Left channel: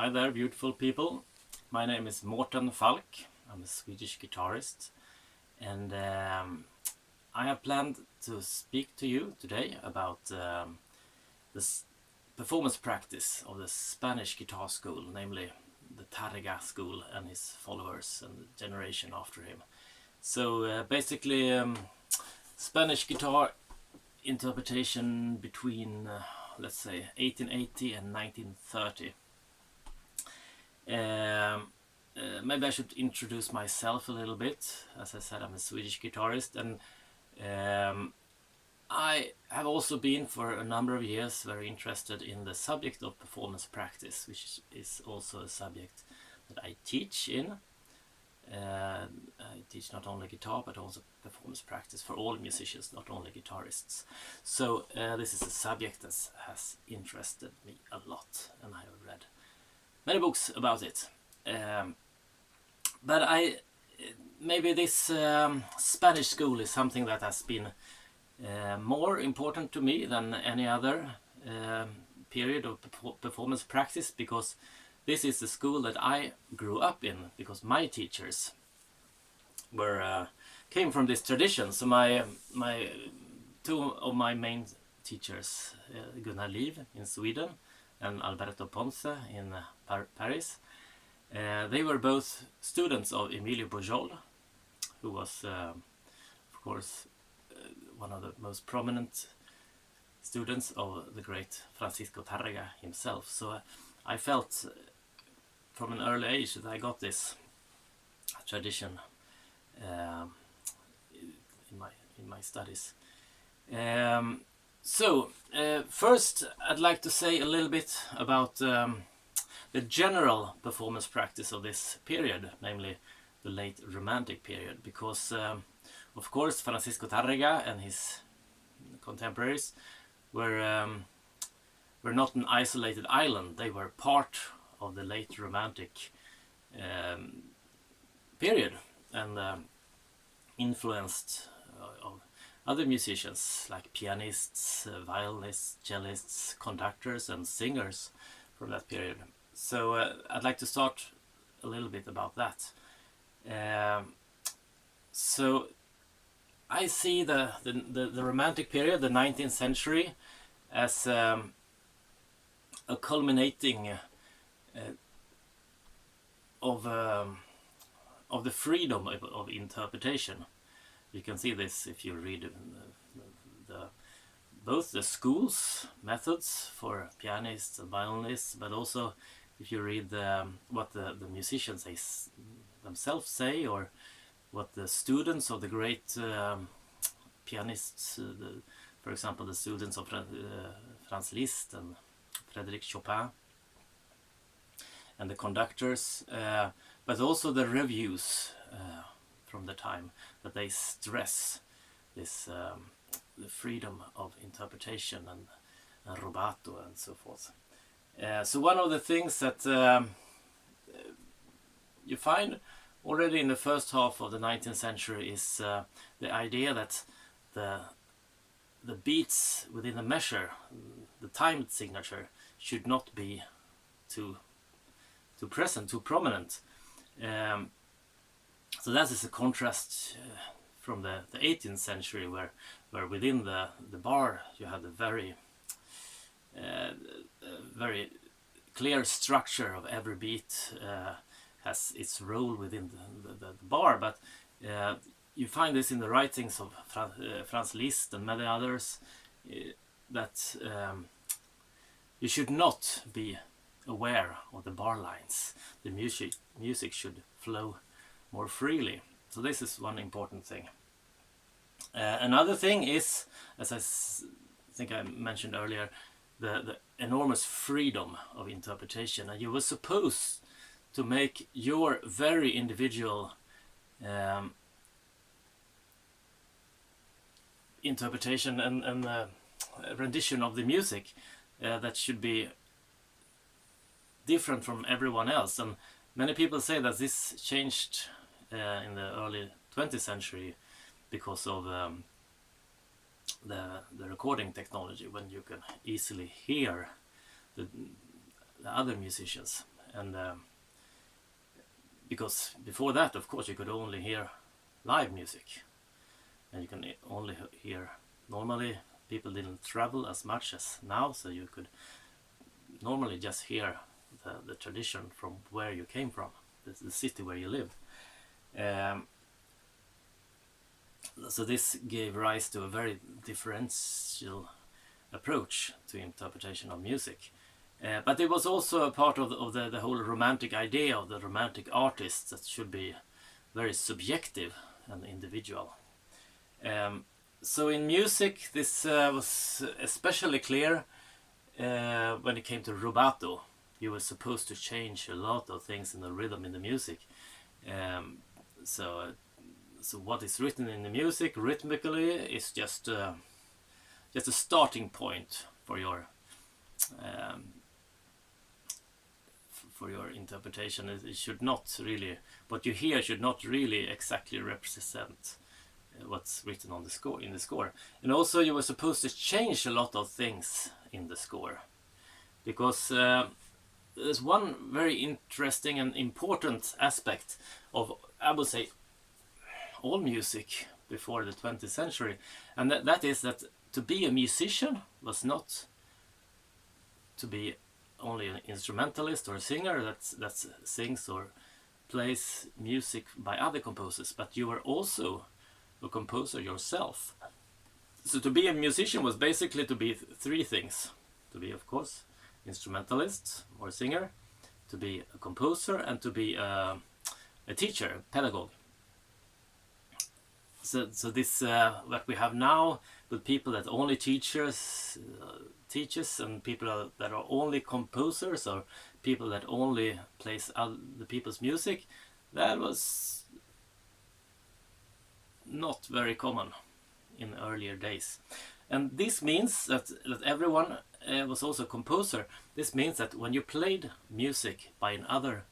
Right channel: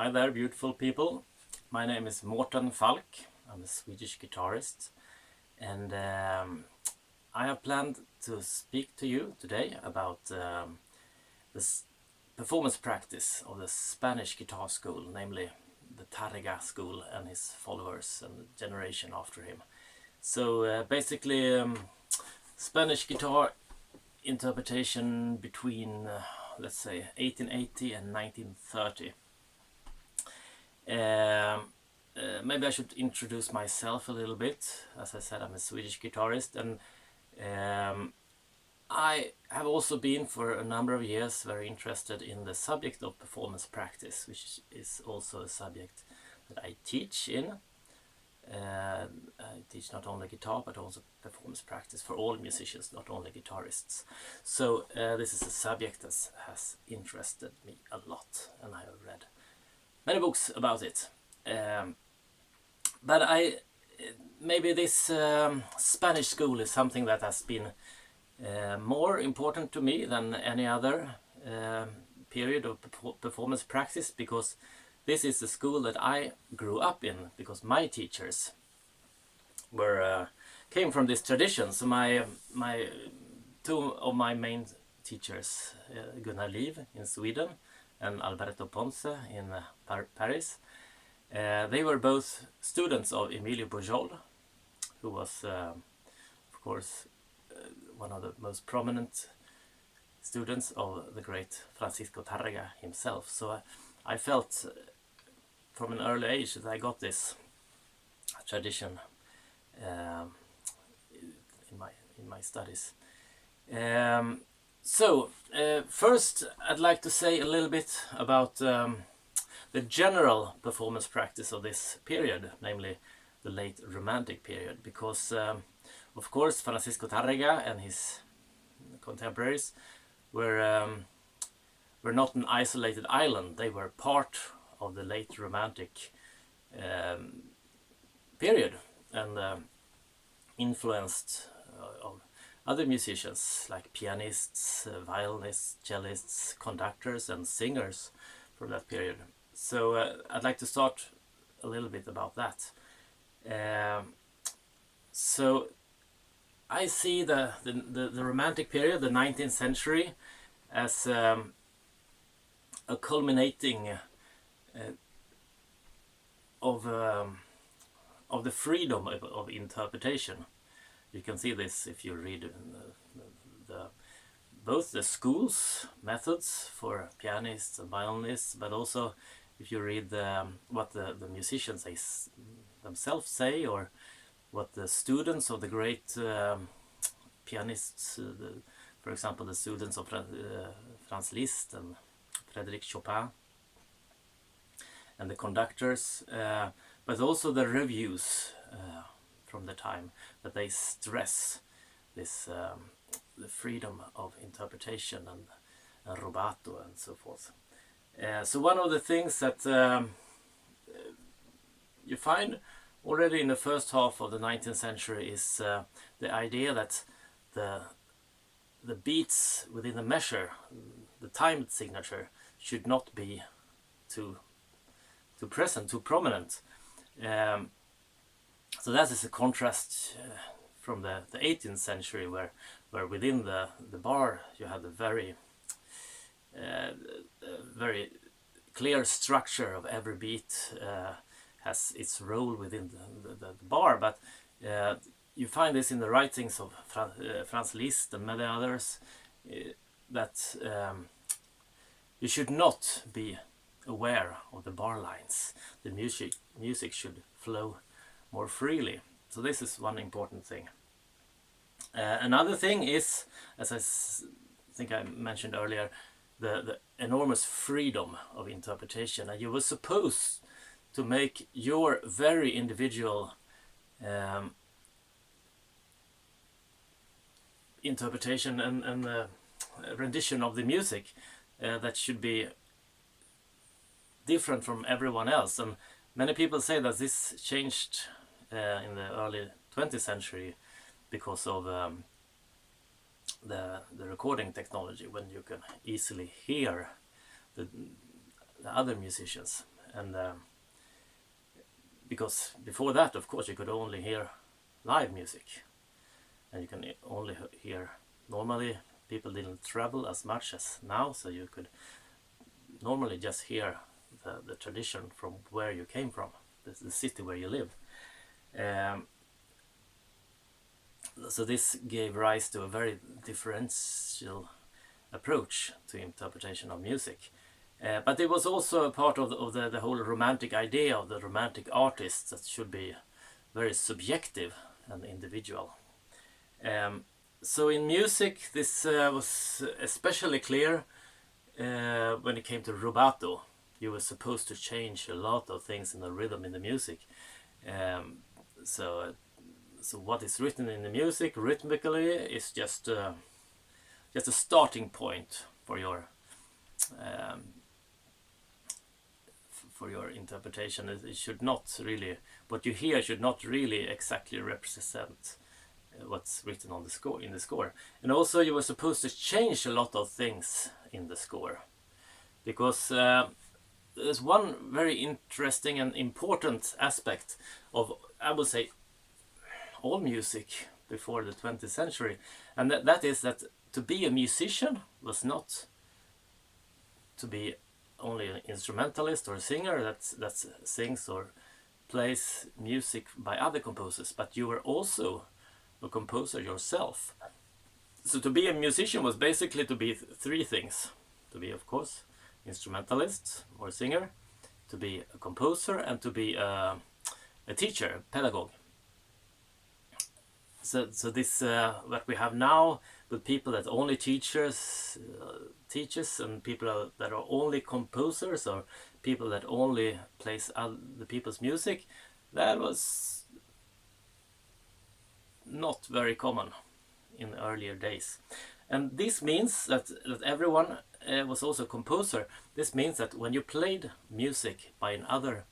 Hi there, beautiful people. My name is Mårten Falk. I'm a Swedish guitarist, and I have planned to speak to you today about this performance practice of the Spanish guitar school, namely the Tarrega School and his followers and the generation after him. So basically, Spanish guitar interpretation between, let's say, 1880 and 1930. Maybe I should introduce myself a little bit. As I said, I'm a Swedish guitarist, and I have also been for a number of years very interested in the subject of performance practice, which is also a subject that I teach in. I teach not only guitar but also performance practice for all musicians, not only guitarists. So this is a subject that has interested me a lot, and I have read many books about it. But maybe this Spanish school is something that has been more important to me than any other period of performance practice, because this is the school that I grew up in, because my teachers came from this tradition. So my two of my main teachers, Gunnar Liv in Sweden and Alberto Ponce in Paris, they were both students of Emilio Pujol, who was, of course, one of the most prominent students of the great Francisco Tárrega himself. So I felt from an early age that I got this tradition in my studies. So first I'd like to say a little bit about the general performance practice of this period, namely the late Romantic period, because of course Francisco Tárrega and his contemporaries were not an isolated island. They were part of the late Romantic period, and influenced of other musicians like pianists, violinists, cellists, conductors and singers from that period. So I'd like to start a little bit about that. So I see the Romantic period, the 19th century, as a culminating of the freedom of interpretation. You can see this if you read both the schools methods for pianists and violinists, but also if you read what the musicians themselves say, or what the students of the great pianists, for example the students of Franz Liszt and Frédéric Chopin, and the conductors, but also the reviews from the time, that they stress this the freedom of interpretation and rubato and so forth. So one of the things that you find already in the first half of the 19th century is the idea that the beats within the measure, the time signature, should not be too present, too prominent. So that is a contrast from the 18th century, where within the bar you had a very clear structure of every beat, has its role within the bar. But you find this in the writings of Franz Liszt and many others, that you should not be aware of the bar lines. The music should flow more freely. So this is one important thing. Another thing is, as I think I mentioned earlier, the enormous freedom of interpretation, and you were supposed to make your very individual interpretation and rendition of the music that should be different from everyone else. And many people say that this changed in the early 20th century because of the recording technology, when you can easily hear the other musicians and because before that, of course, you could only hear live music, and you can only hear, normally people didn't travel as much as now, so you could normally just hear the tradition from where you came from, the city where you lived. So this gave rise to a very differential approach to interpretation of music. But it was also a part of the whole romantic idea of the romantic artist that should be very subjective and individual. So in music, this was especially clear when it came to rubato. You were supposed to change a lot of things in the rhythm in the music. So what is written in the music rhythmically is just a starting point for your interpretation. It should not really, what you hear should not really exactly represent what's written on the score, in the score. And also you were supposed to change a lot of things in the score, because there's one very interesting and important aspect of, I would say, all music before the 20th century, and that is that to be a musician was not to be only an instrumentalist or a singer that sings or plays music by other composers, but you were also a composer yourself. So to be a musician was basically to be three things: to be, of course, instrumentalist or singer, to be a composer, and to be a teacher, a pedagogue. So this what we have now with people that only teaches, and people that are only composers, or people that only plays other people's music, that was not very common in earlier days. And this means that everyone was also a composer. This means that when you played music by another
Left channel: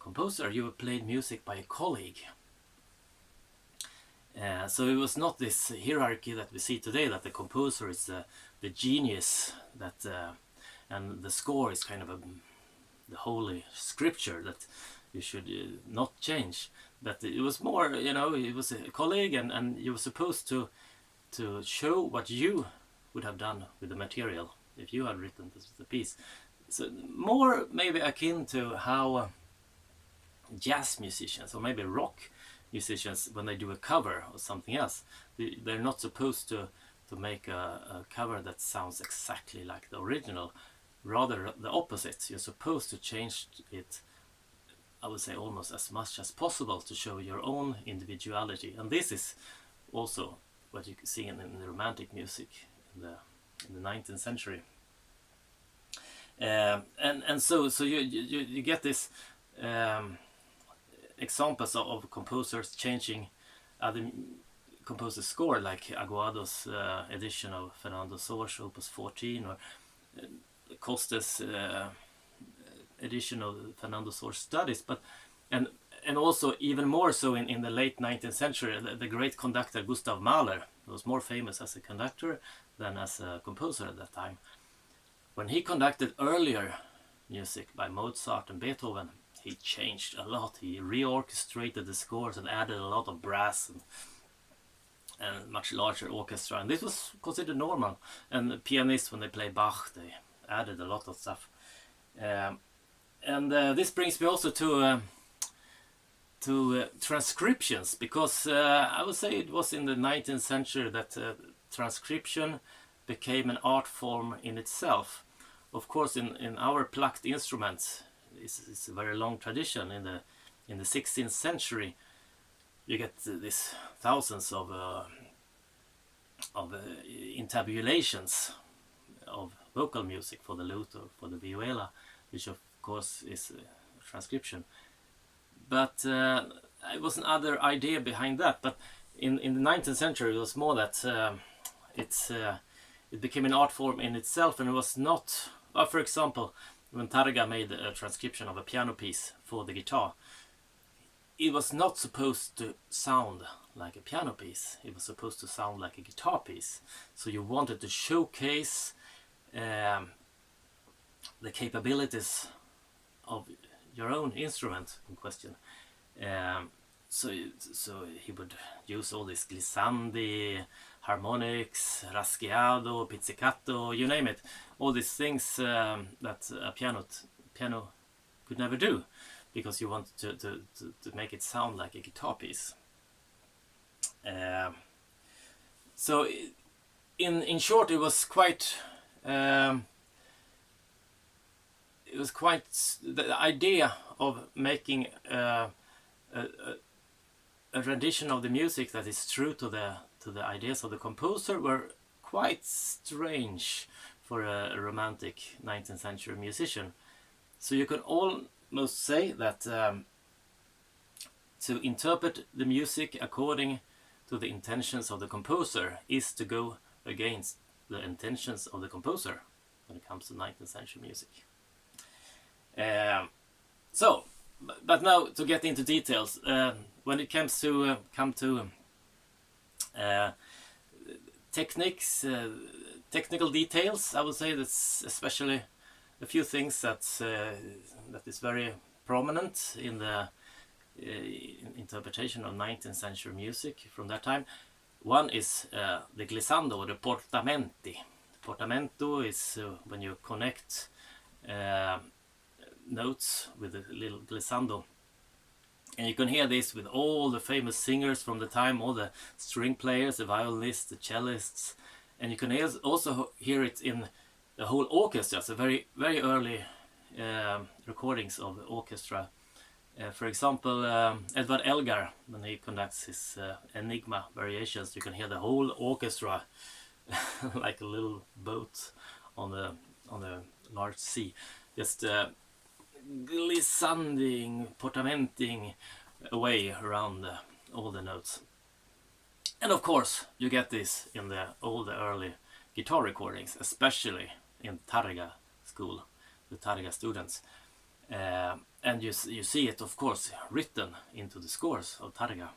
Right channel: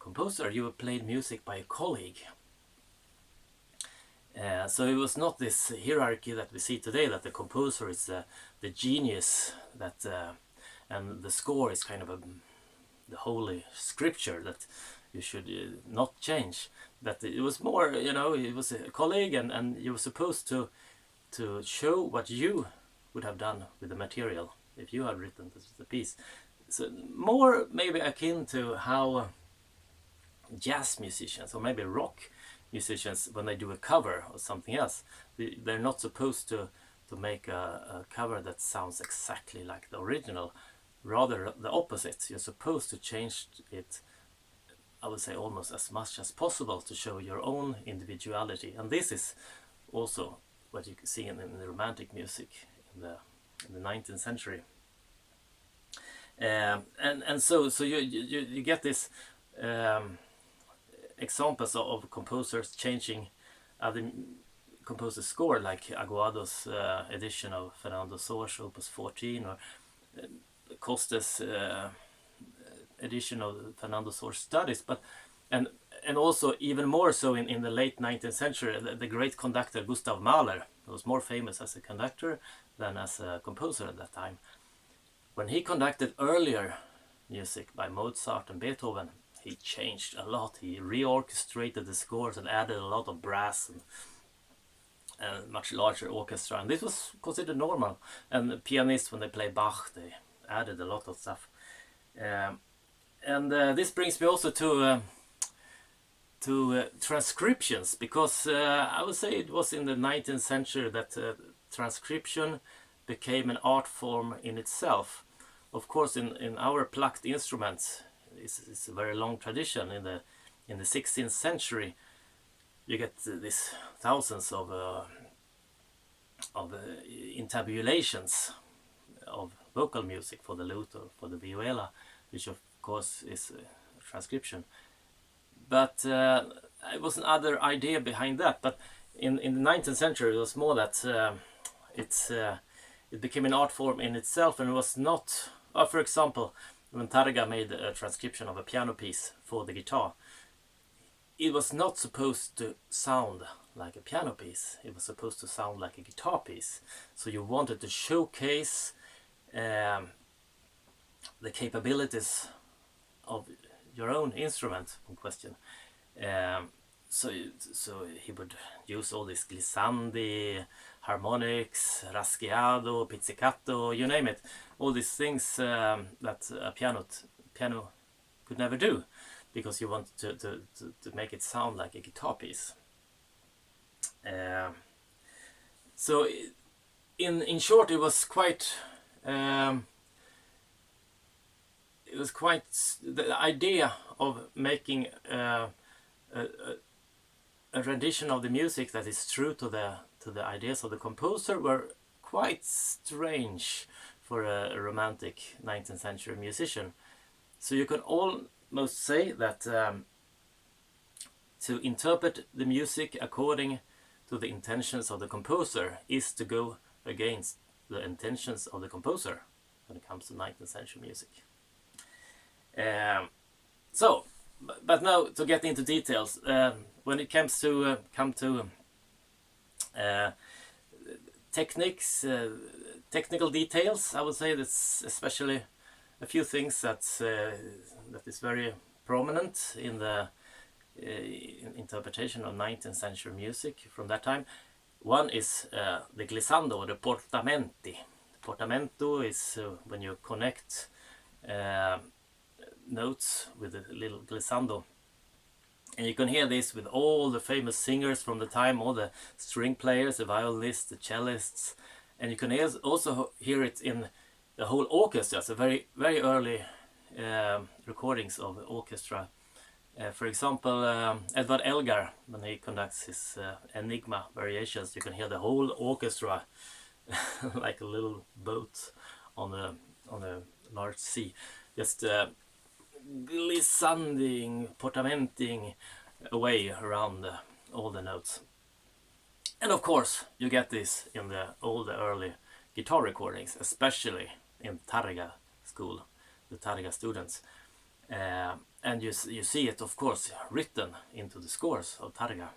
composer, you played music by a colleague. So it was not this hierarchy that we see today, that the composer is the genius, that and the score is kind of the holy scripture that you should not change. That it was more, it was a colleague, and you were supposed to show what you would have done with the material if you had written the piece. So more maybe akin to how jazz musicians, or maybe rock musicians, when they do a cover of something else, they're not supposed to make a cover that sounds exactly like the original. Rather the opposite. You're supposed to change it, I would say, almost as much as possible to show your own individuality. And this is also what you can see in the romantic music in the 19th century. And so you get this examples of composers changing other composers' score, like Aguado's edition of Fernando Sor's Opus 14, or Costa's edition of Fernando Sor's Studies. But and also even more so in the late 19th century, the great conductor Gustav Mahler was more famous as a conductor than as a composer at that time. When he conducted earlier music by Mozart and Beethoven, he changed a lot. He reorchestrated the scores and added a lot of brass and much larger orchestra. And this was considered normal. And the pianists, when they play Bach, they added a lot of stuff. This brings me also to transcriptions, because I would say it was in the 19th century that transcription became an art form in itself. Of course, in our plucked instruments, it's a very long tradition. In the 16th century, you get these thousands of intabulations of vocal music for the lute or for the viola, which of course is a transcription. But it was another idea behind that. But in the 19th century, it was more that it became an art form in itself, and it was not. For example, when Tárrega made a transcription of a piano piece for the guitar, it was not supposed to sound like a piano piece. It was supposed to sound like a guitar piece. So you wanted to showcase the capabilities of your own instrument in question. So he would use all these glissandi, harmonics, raschiado, pizzicato, you name it, all these things that a piano could never do, because you want to make it sound like a guitar piece. So in short, it was quite the idea of making a rendition of the music that is true to the ideas of the composer were quite strange for a romantic 19th century musician. So you can almost say that to interpret the music according to the intentions of the composer is to go against the intentions of the composer when it comes to 19th century music. But now to get into details, when it comes to technical details, I would say that's especially a few things that is very prominent in the interpretation of 19th century music from that time. One is the glissando, or the portamenti. Portamento is when you connect notes with a little glissando, and you can hear this with all the famous singers from the time, all the string players, the violinists, the cellists, and you can also hear it in the whole orchestra. So very early recordings of orchestra. For example, Edvard Elgar, when he conducts his Enigma variations, you can hear the whole orchestra like a little boat on a large sea, just glissanding, portamenting away around all the notes. And of course, you get this in all the early guitar recordings, especially in Tarrega School, the Tarrega students. And you see it, of course, written into the scores of Tárrega.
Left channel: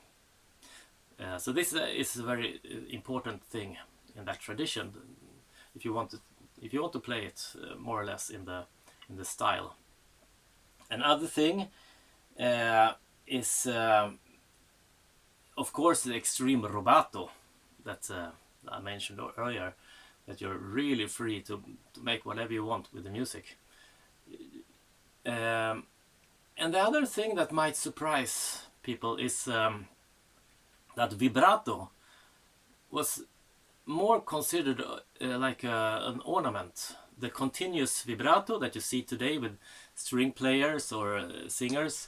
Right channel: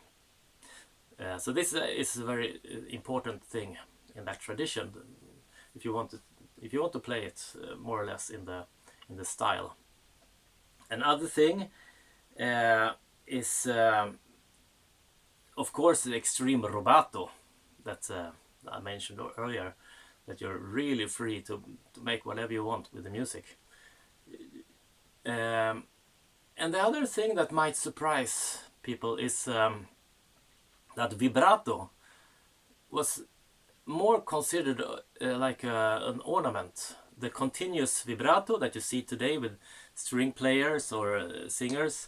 So this is a very important thing in that tradition. If you want to play it more or less in the style. Another thing is, of course, the extreme rubato that I mentioned earlier. That you're really free to make whatever you want with the music. And the other thing that might surprise people is that vibrato was more considered like an ornament. The continuous vibrato that you see today with string players or singers,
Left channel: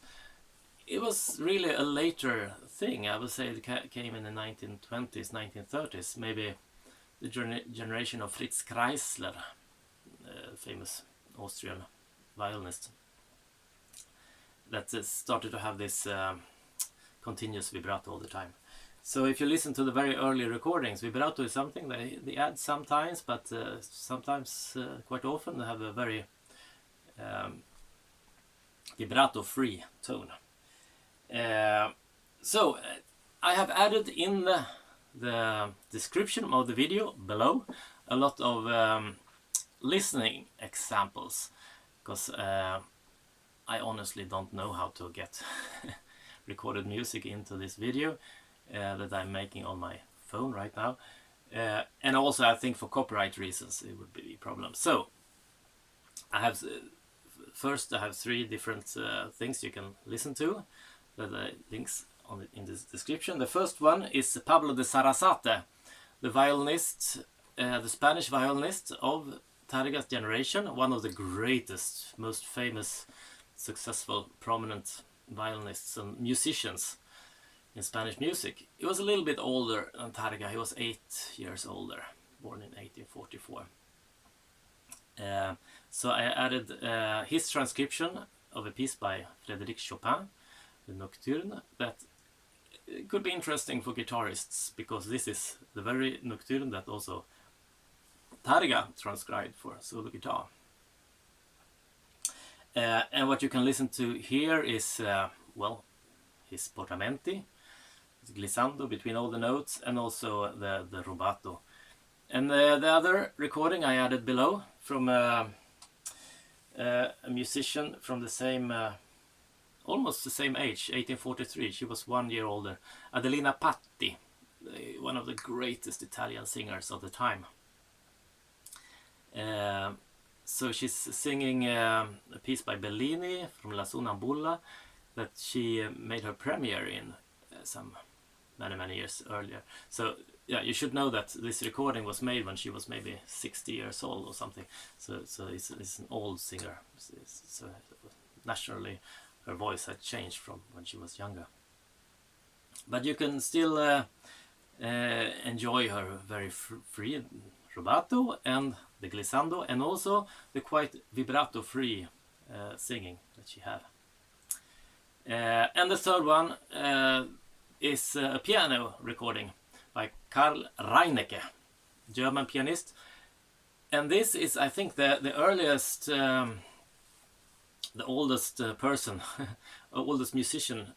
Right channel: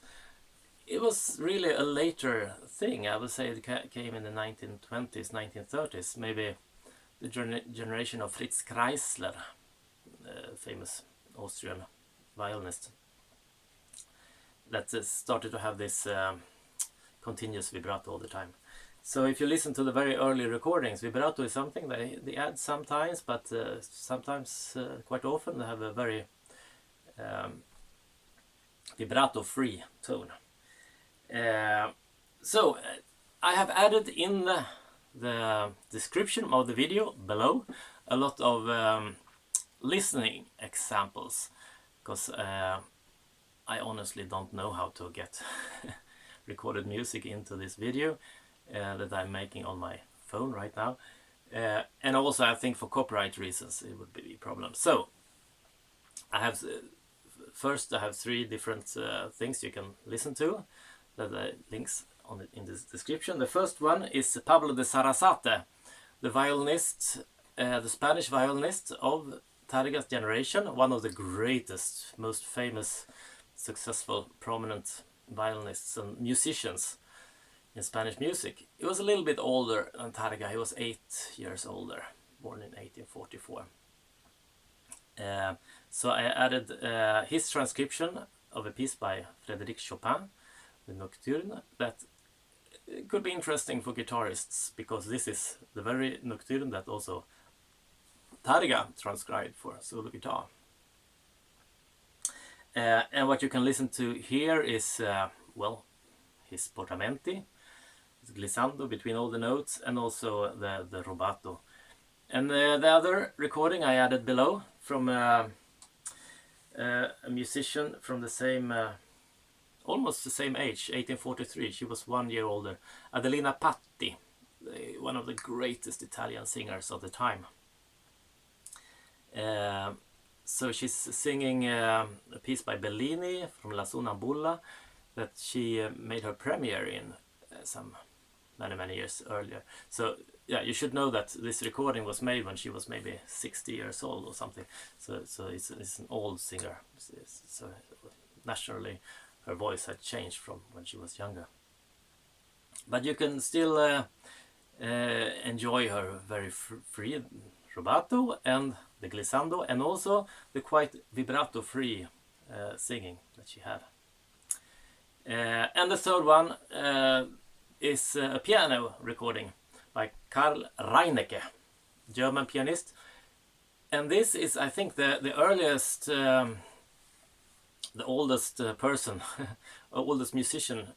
it was really a later thing. I would say it came in the 1920s, 1930s, maybe the generation of Fritz Kreisler, famous Austrian violinist, that started to have this continuous vibrato all the time. So if you listen to the very early recordings, vibrato is something they add sometimes, but sometimes, quite often, they have a very vibrato-free tone. So I have added in the description of the video below a lot of listening examples, because I honestly don't know how to get recorded music into this video that I'm making on my phone right now, and also I think for copyright reasons it would be a problem. So I have first 3 different things you can listen to. The links in this description. The first one is Pablo de Sarasate, the violinist, the Spanish violinist of Tárrega's generation, one of the greatest, most famous, successful, prominent violinists and musicians in Spanish music. He was a little bit older than Tárrega. He was 8 years older, born in 1844. So I added his transcription of a piece by Frédéric Chopin, the Nocturne, that could be interesting for guitarists, because this is the very Nocturne that also Tárrega transcribed for solo guitar. And what you can listen to here is, well, his portamenti, his glissando between all the notes, and also the rubato. And the other recording I added below from a musician from the same, almost the same age, 1843. She was 1 year older. Adelina Patti, one of the greatest Italian singers of the time. So she's singing a piece by Bellini from La Sonnambula that she made her premiere in many years earlier. So yeah, you should know that this recording was made when she was maybe 60 years old or something. So it's an old singer. So naturally, her voice had changed from when she was younger. But you can still enjoy her very free rubato and the glissando, and also the quite vibrato-free singing that she had. And the third one is a piano recording by Karl Reinecke, German pianist. And this is, I think, the earliest, the oldest person, oldest musician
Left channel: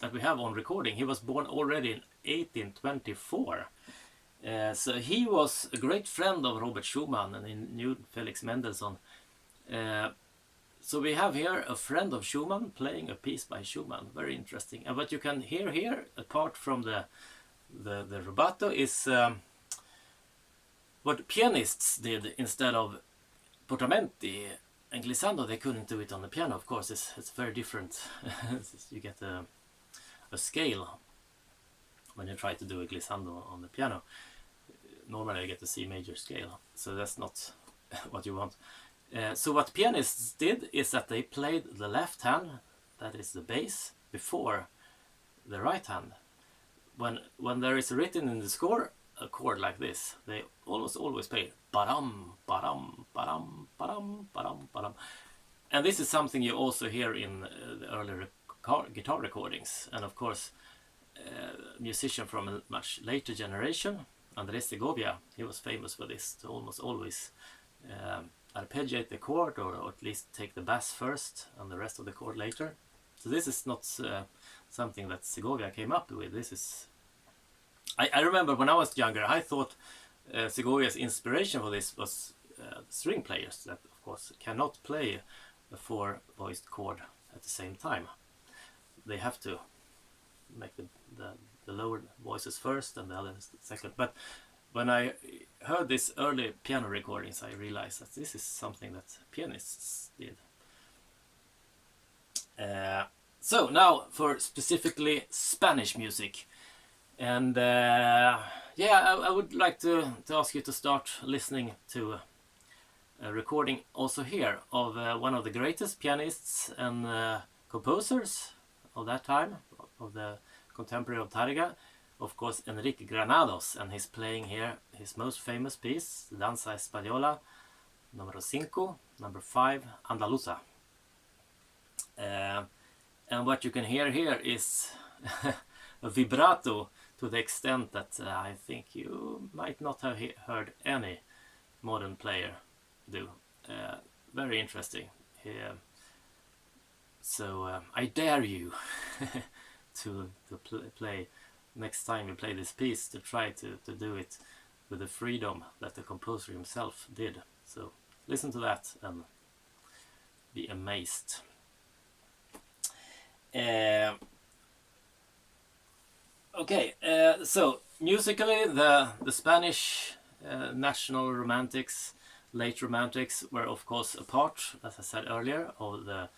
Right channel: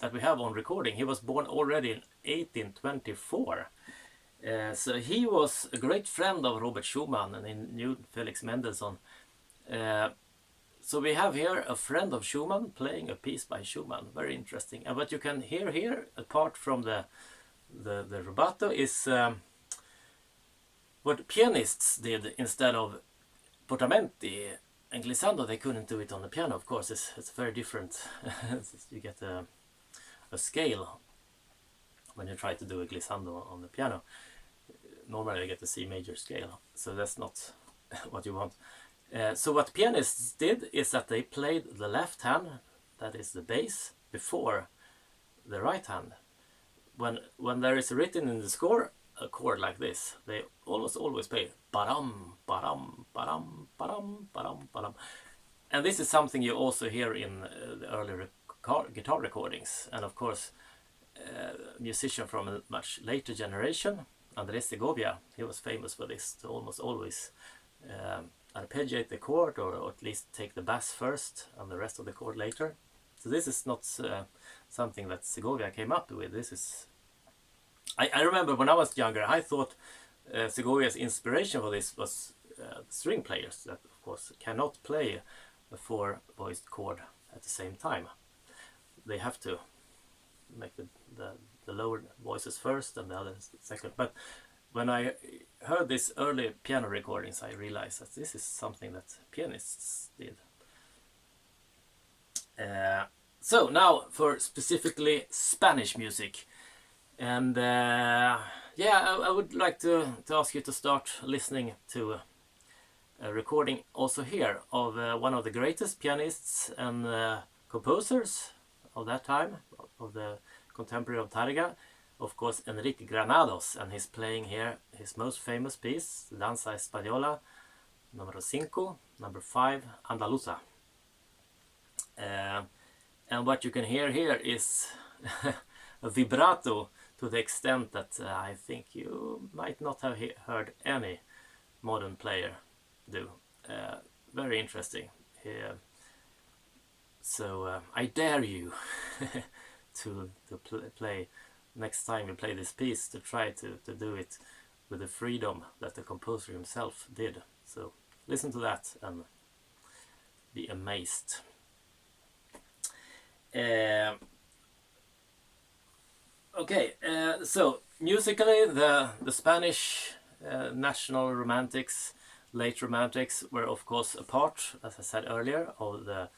that we have on recording. He was born already in 1824. So he was a great friend of Robert Schumann, and he knew Felix Mendelssohn. So we have here a friend of Schumann playing a piece by Schumann. Very interesting. And what you can hear here, apart from the rubato, is what pianists did instead of portamenti and glissando. They couldn't do it on the piano, of course. It's very different. You get a scale when you try to do a glissando on the piano. Normally you get the C major scale, so that's not what you want. So what pianists did is that they played the left hand, that is the bass, before the right hand. When there is written in the score a chord like this, they almost always play ba-dum, ba-dum, ba-dum, ba-dum, ba-dum, ba-dum. And this is something you also hear in the early guitar recordings. And of course, a musician from a much later generation, Andrés Segovia, he was famous for this, to almost always arpeggiate the chord, or at least take the bass first and the rest of the chord later. So this is not something that Segovia came up with. This is, I remember when I was younger, I thought Segovia's inspiration for this was string players that, of course, cannot play a four-voiced chord at the same time. They have to make the lower voices first and the others second. But when I heard these early piano recordings, I realized that this is something that pianists did. So now for specifically Spanish music. And yeah, I would like to ask you to start listening to a recording also here of one of the greatest pianists and composers of that time, of the contemporary of Tárrega, of course Enrique Granados, and he's playing here his most famous piece, Danza Española, number 5, number 5, Andaluza. And what you can hear here is a vibrato to the extent that I think you might not have heard any modern player do. Very interesting. So I dare you to play next time you play this piece, to try to do it with the freedom that the composer himself did. So listen to that and be amazed. Okay, so musically the Spanish national romantics, late romantics, were of course a part, as I said earlier, of the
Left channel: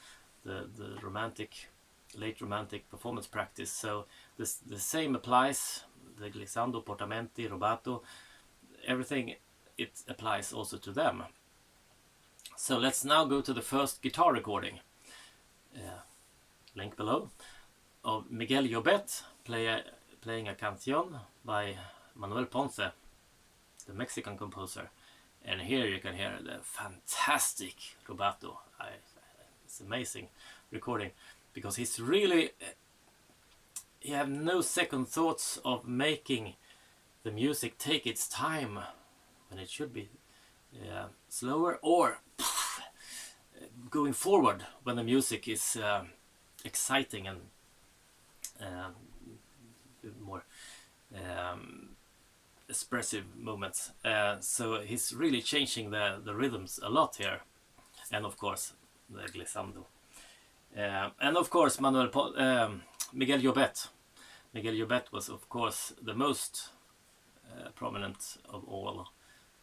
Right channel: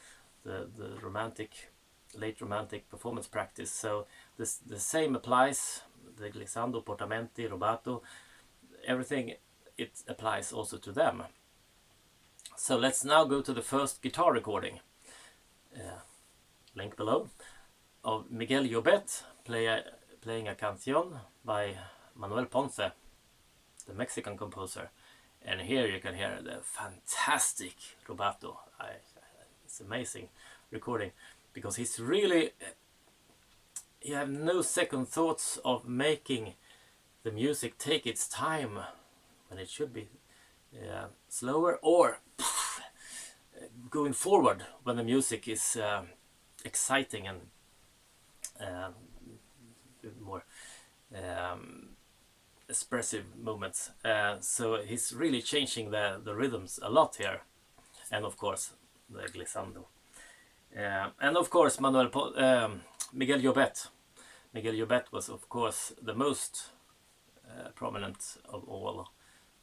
late romantic performance practice. So the same applies, the glissando, portamenti, rubato, everything, it applies also to them. So let's now go to the first guitar recording, link below, of Miguel Llobet playing a canción by Manuel Ponce, the Mexican composer. And here you can hear the fantastic rubato. It's amazing recording, because he's really, he have no second thoughts of making the music take its time when it should be slower, or going forward when the music is exciting and more expressive movements. So he's really changing the rhythms a lot here. and of course the glissando. And of course Miguel Llobet. Miguel Llobet was of course the most prominent of all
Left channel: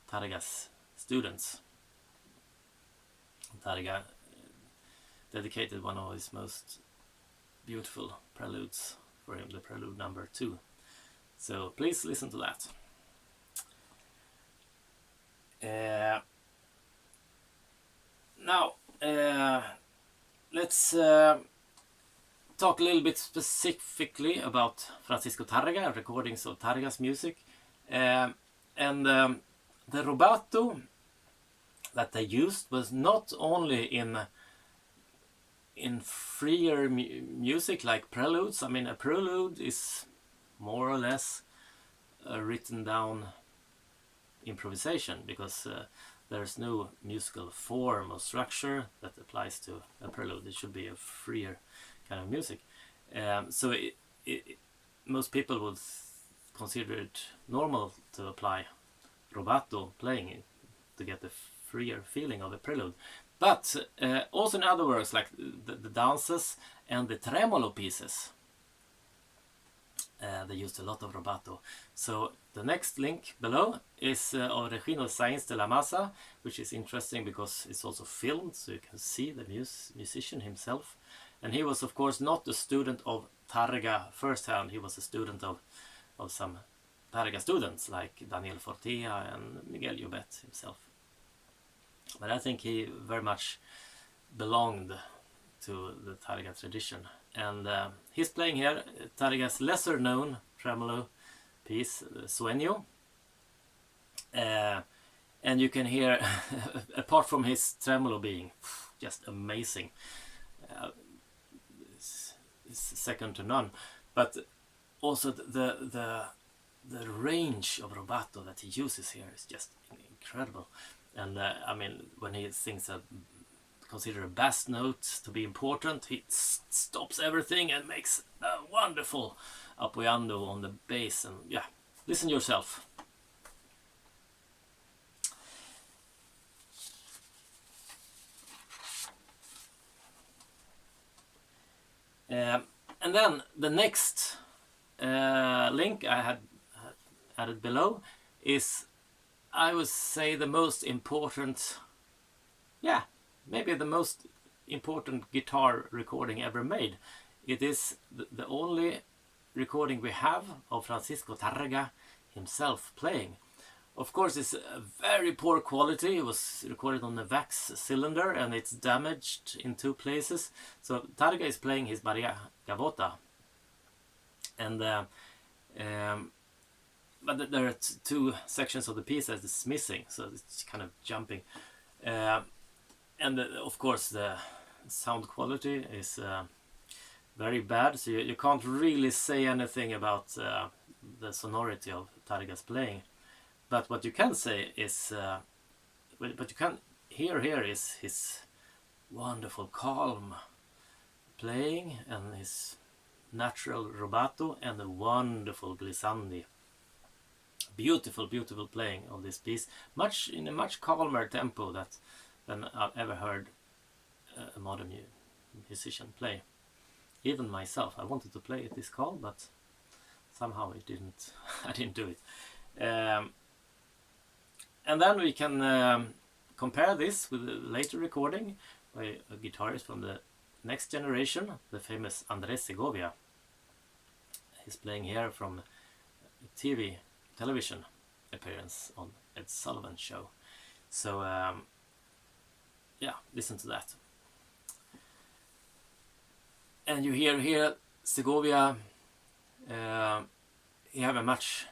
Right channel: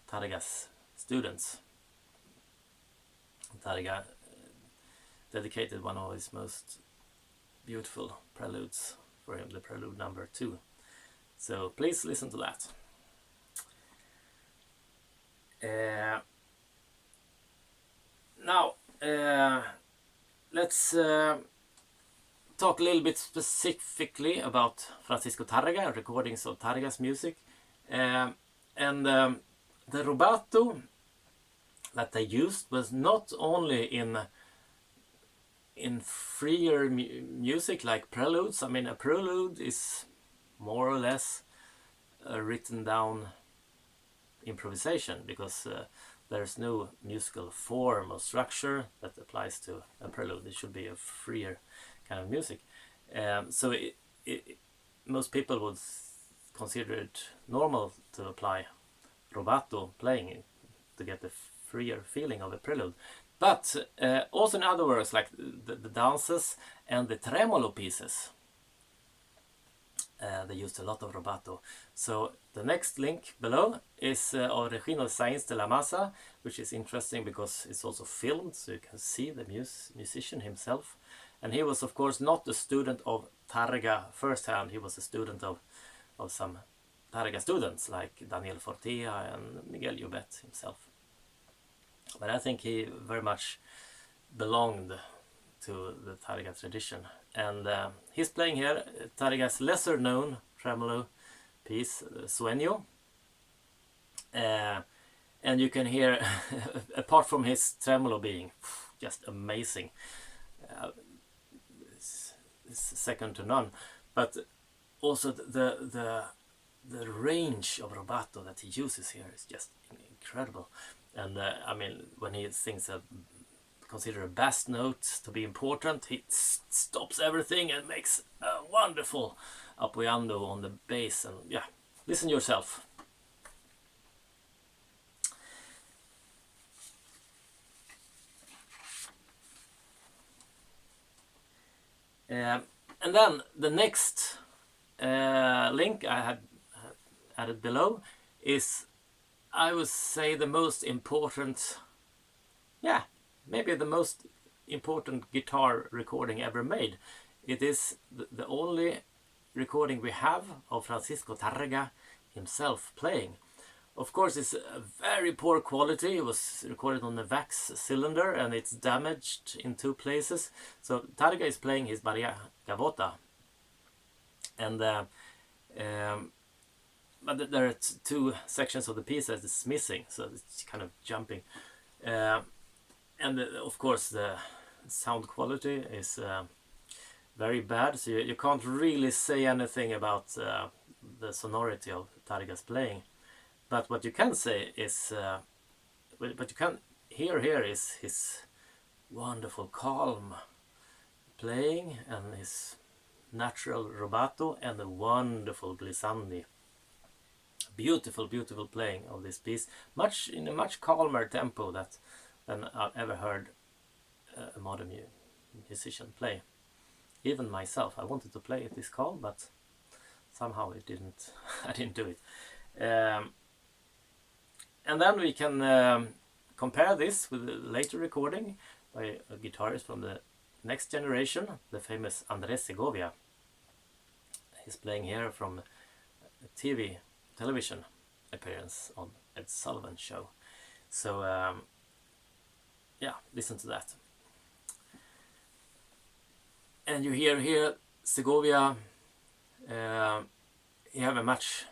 Tárrega's students. Tárrega dedicated one of his most beautiful preludes for him, the prelude number 2. So please listen to that. Now let's talk a little bit specifically about Francisco Tárrega, recordings of Tárrega's music. And the rubato that they used was not only in freer music like preludes. I mean, a prelude is more or less a written down improvisation, because there's no musical form or structure that applies to a prelude. It should be a freer kind of music. So most people would consider it normal to apply rubato playing to get the freer feeling of a prelude. But also in other works, like the dances and the tremolo pieces, they used a lot of rubato. So the next link below is Regino Sainz de la Maza, which is interesting because it's also filmed, so you can see the musician himself. And he was, of course, not a student of Tárrega firsthand. He was a student of some Tárrega students like Daniel Fortea and Miguel Llobet himself. But I think he very much belonged to the Tárrega tradition. And he's playing here Tárrega's lesser known tremolo piece, Sueño. And you can hear, apart from his tremolo being just amazing, it's second to none, but also the range of rubato that he uses here is just incredible. And I mean, when he sings consider a bass note to be important, he stops everything and makes a wonderful Apoyando on the bass. And yeah, listen yourself. And then the next link I had added below is, I would say, the most important, maybe the most important guitar recording ever made. It is the only recording we have of Francisco Tárrega himself playing. Of course, it's a very poor quality. It was recorded on the wax cylinder and it's damaged in 2 places. So Tárrega is playing his Maria Gavota. And but there are 2 sections of the piece that is missing, so it's kind of jumping. And of course the sound quality is very bad, so you can't really say anything about the sonority of Tárrega's playing. But what you can say is, what you can hear here is his wonderful calm playing and his natural rubato and the wonderful glissandi. Beautiful, beautiful playing of this piece, in a much calmer tempo than I've ever heard a modern musician play. Even myself, I wanted to play it this calm, but somehow it didn't. I didn't do it. And then we can compare this with a later recording by a guitarist from the next generation, the famous Andrés Segovia. He's playing here from a television appearance on Ed Sullivan show. So listen to that. And you hear here Segovia, you have a much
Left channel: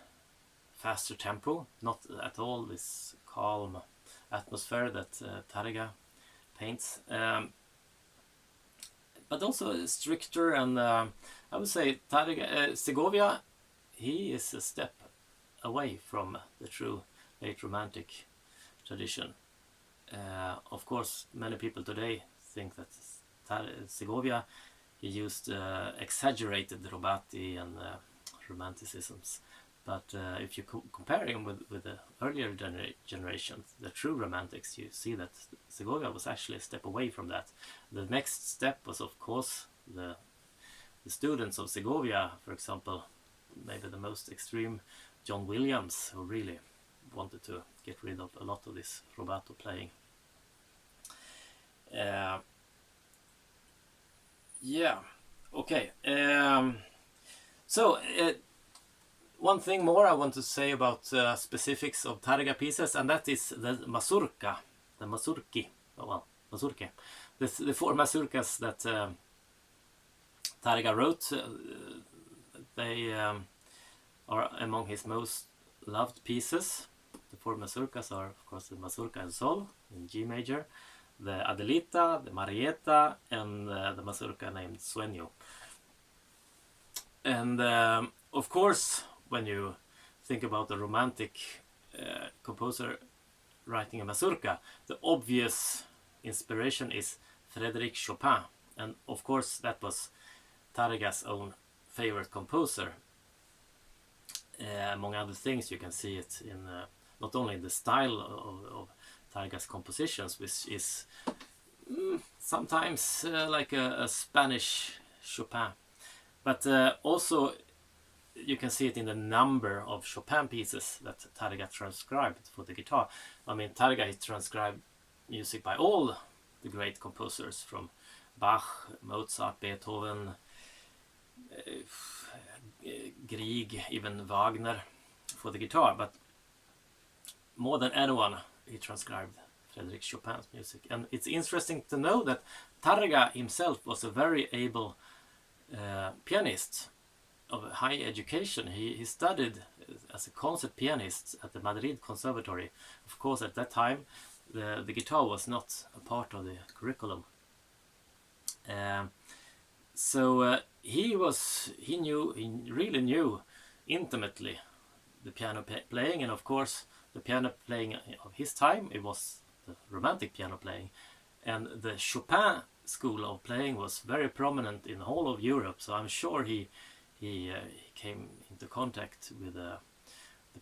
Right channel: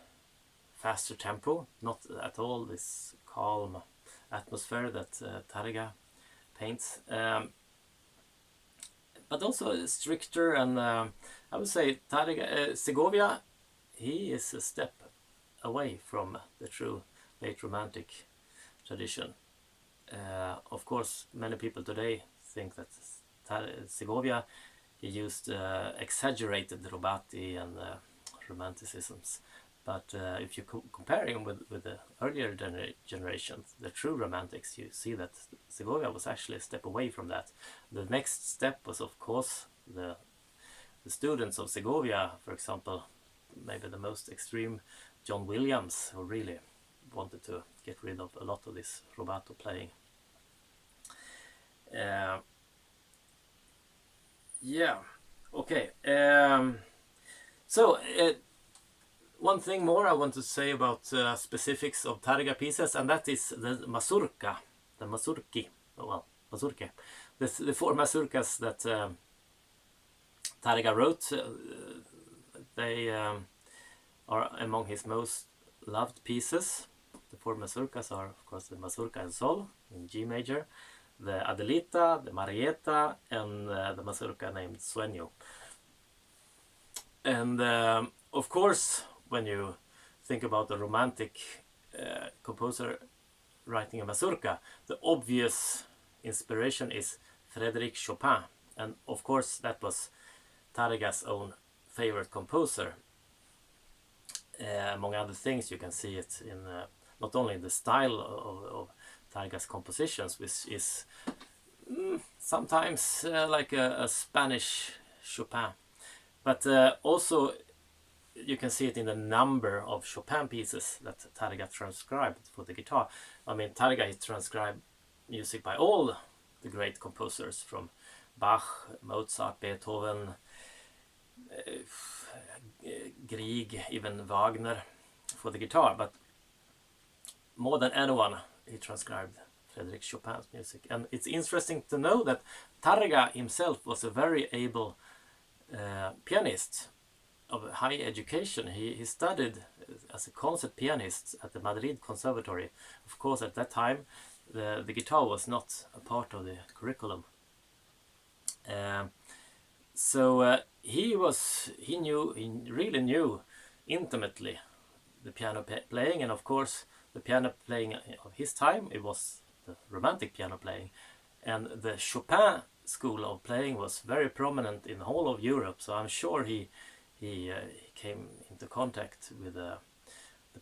faster tempo, not at all this calm atmosphere that Tárrega paints, but also stricter. And I would say Segovia, he is a step away from the true late romantic tradition. Of course, many people today think that Segovia, he used exaggerated rubati and romanticisms, But if you compare him with the earlier generations, the true romantics, you see that Segovia was actually a step away from that. The next step was, of course, the students of Segovia, for example, maybe the most extreme, John Williams, who really wanted to get rid of a lot of this rubato playing. Yeah, okay. One thing more I want to say about specifics of Tárrega pieces, and that is the mazurka, the mazurki, mazurke. The four mazurkas that Tárrega wrote, they are among his most loved pieces. The four mazurkas are, of course, the mazurka in sol, in G major, the Adelita, the Marietta, and the mazurka named Sueño. And of course, when you think about a romantic composer writing a mazurka, the obvious inspiration is Frédéric Chopin. And of course, that was Tárrega's own favorite composer. Among other things, you can see it in not only in the style of Tárrega's compositions, which is sometimes like a Spanish Chopin, but also you can see it in the number of Chopin pieces that Tárrega transcribed for the guitar. I mean, Tárrega transcribed music by all the great composers, from Bach, Mozart, Beethoven, Grieg, even Wagner for the guitar. But more than anyone, he transcribed Frédéric Chopin's music. And it's interesting to know that Tárrega himself was a very able pianist of high education. He studied as a concert pianist at the Madrid Conservatory. Of course, at that time, the guitar was not a part of the curriculum. He really knew intimately the piano playing, and of course, the piano playing of his time, it was the romantic piano playing. And the Chopin school of playing was very prominent in the whole of Europe, so I'm sure he came into contact with the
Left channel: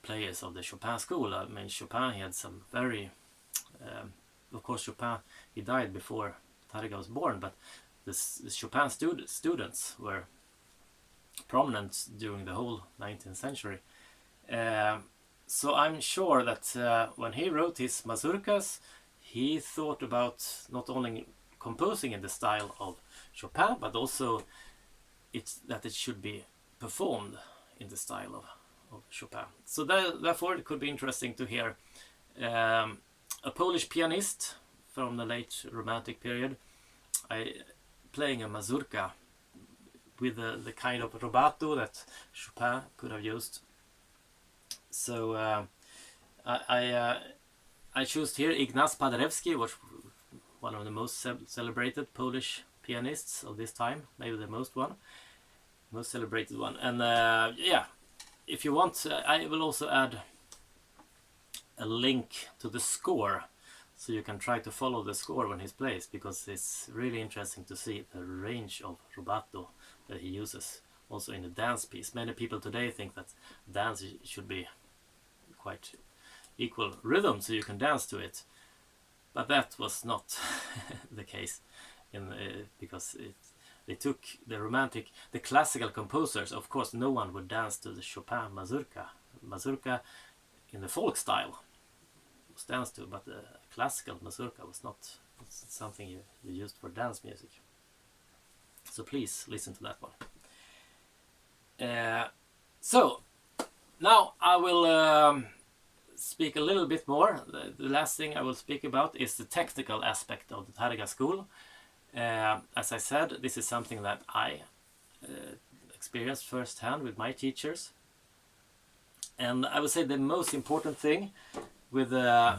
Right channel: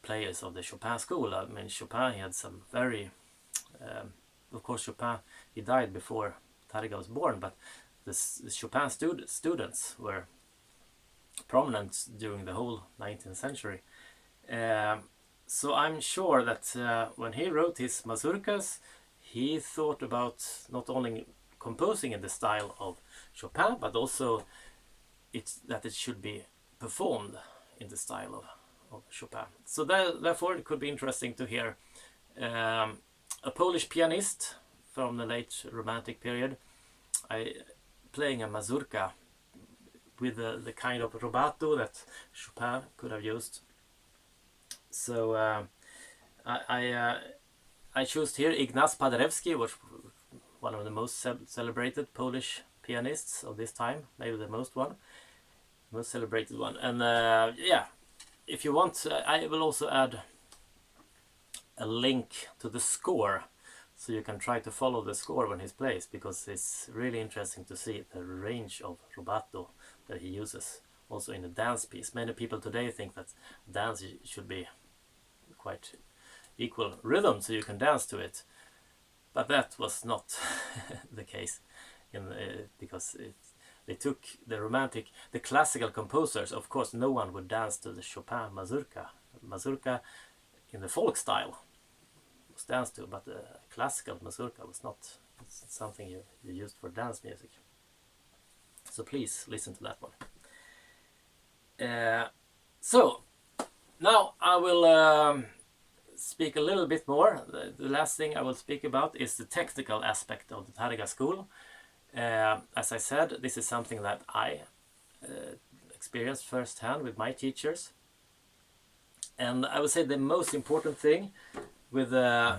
players of the Chopin school. I mean, Chopin, he had some very... of course, Chopin, he died before Tárrega was born, but the Chopin students were prominent during the whole 19th century. So I'm sure that when he wrote his mazurkas, he thought about not only composing in the style of Chopin, but also that it should be performed in the style of Chopin. So therefore it could be interesting to hear a Polish pianist from the late Romantic period playing a mazurka with the kind of rubato that Chopin could have used. So I chose here Ignaz Paderewski, which one of the most celebrated Polish pianists of this time, maybe the most celebrated one. And yeah, if you want, I will also add a link to the score, so you can try to follow the score when he plays, because it's really interesting to see the range of rubato that he uses also in a dance piece. Many people today think that dance should be quite equal rhythm, so you can dance to it, but that was not the case because they took the classical composers. Of course, no one would dance to the Chopin mazurka in the folk style was danced to, but the classical mazurka was not something you used for dance music. So please listen to that one. So now I will speak a little bit more. The last thing I will speak about is the technical aspect of the Tarrega School. As I said, this is something that I experienced firsthand with my teachers. And I would say the most important thing with the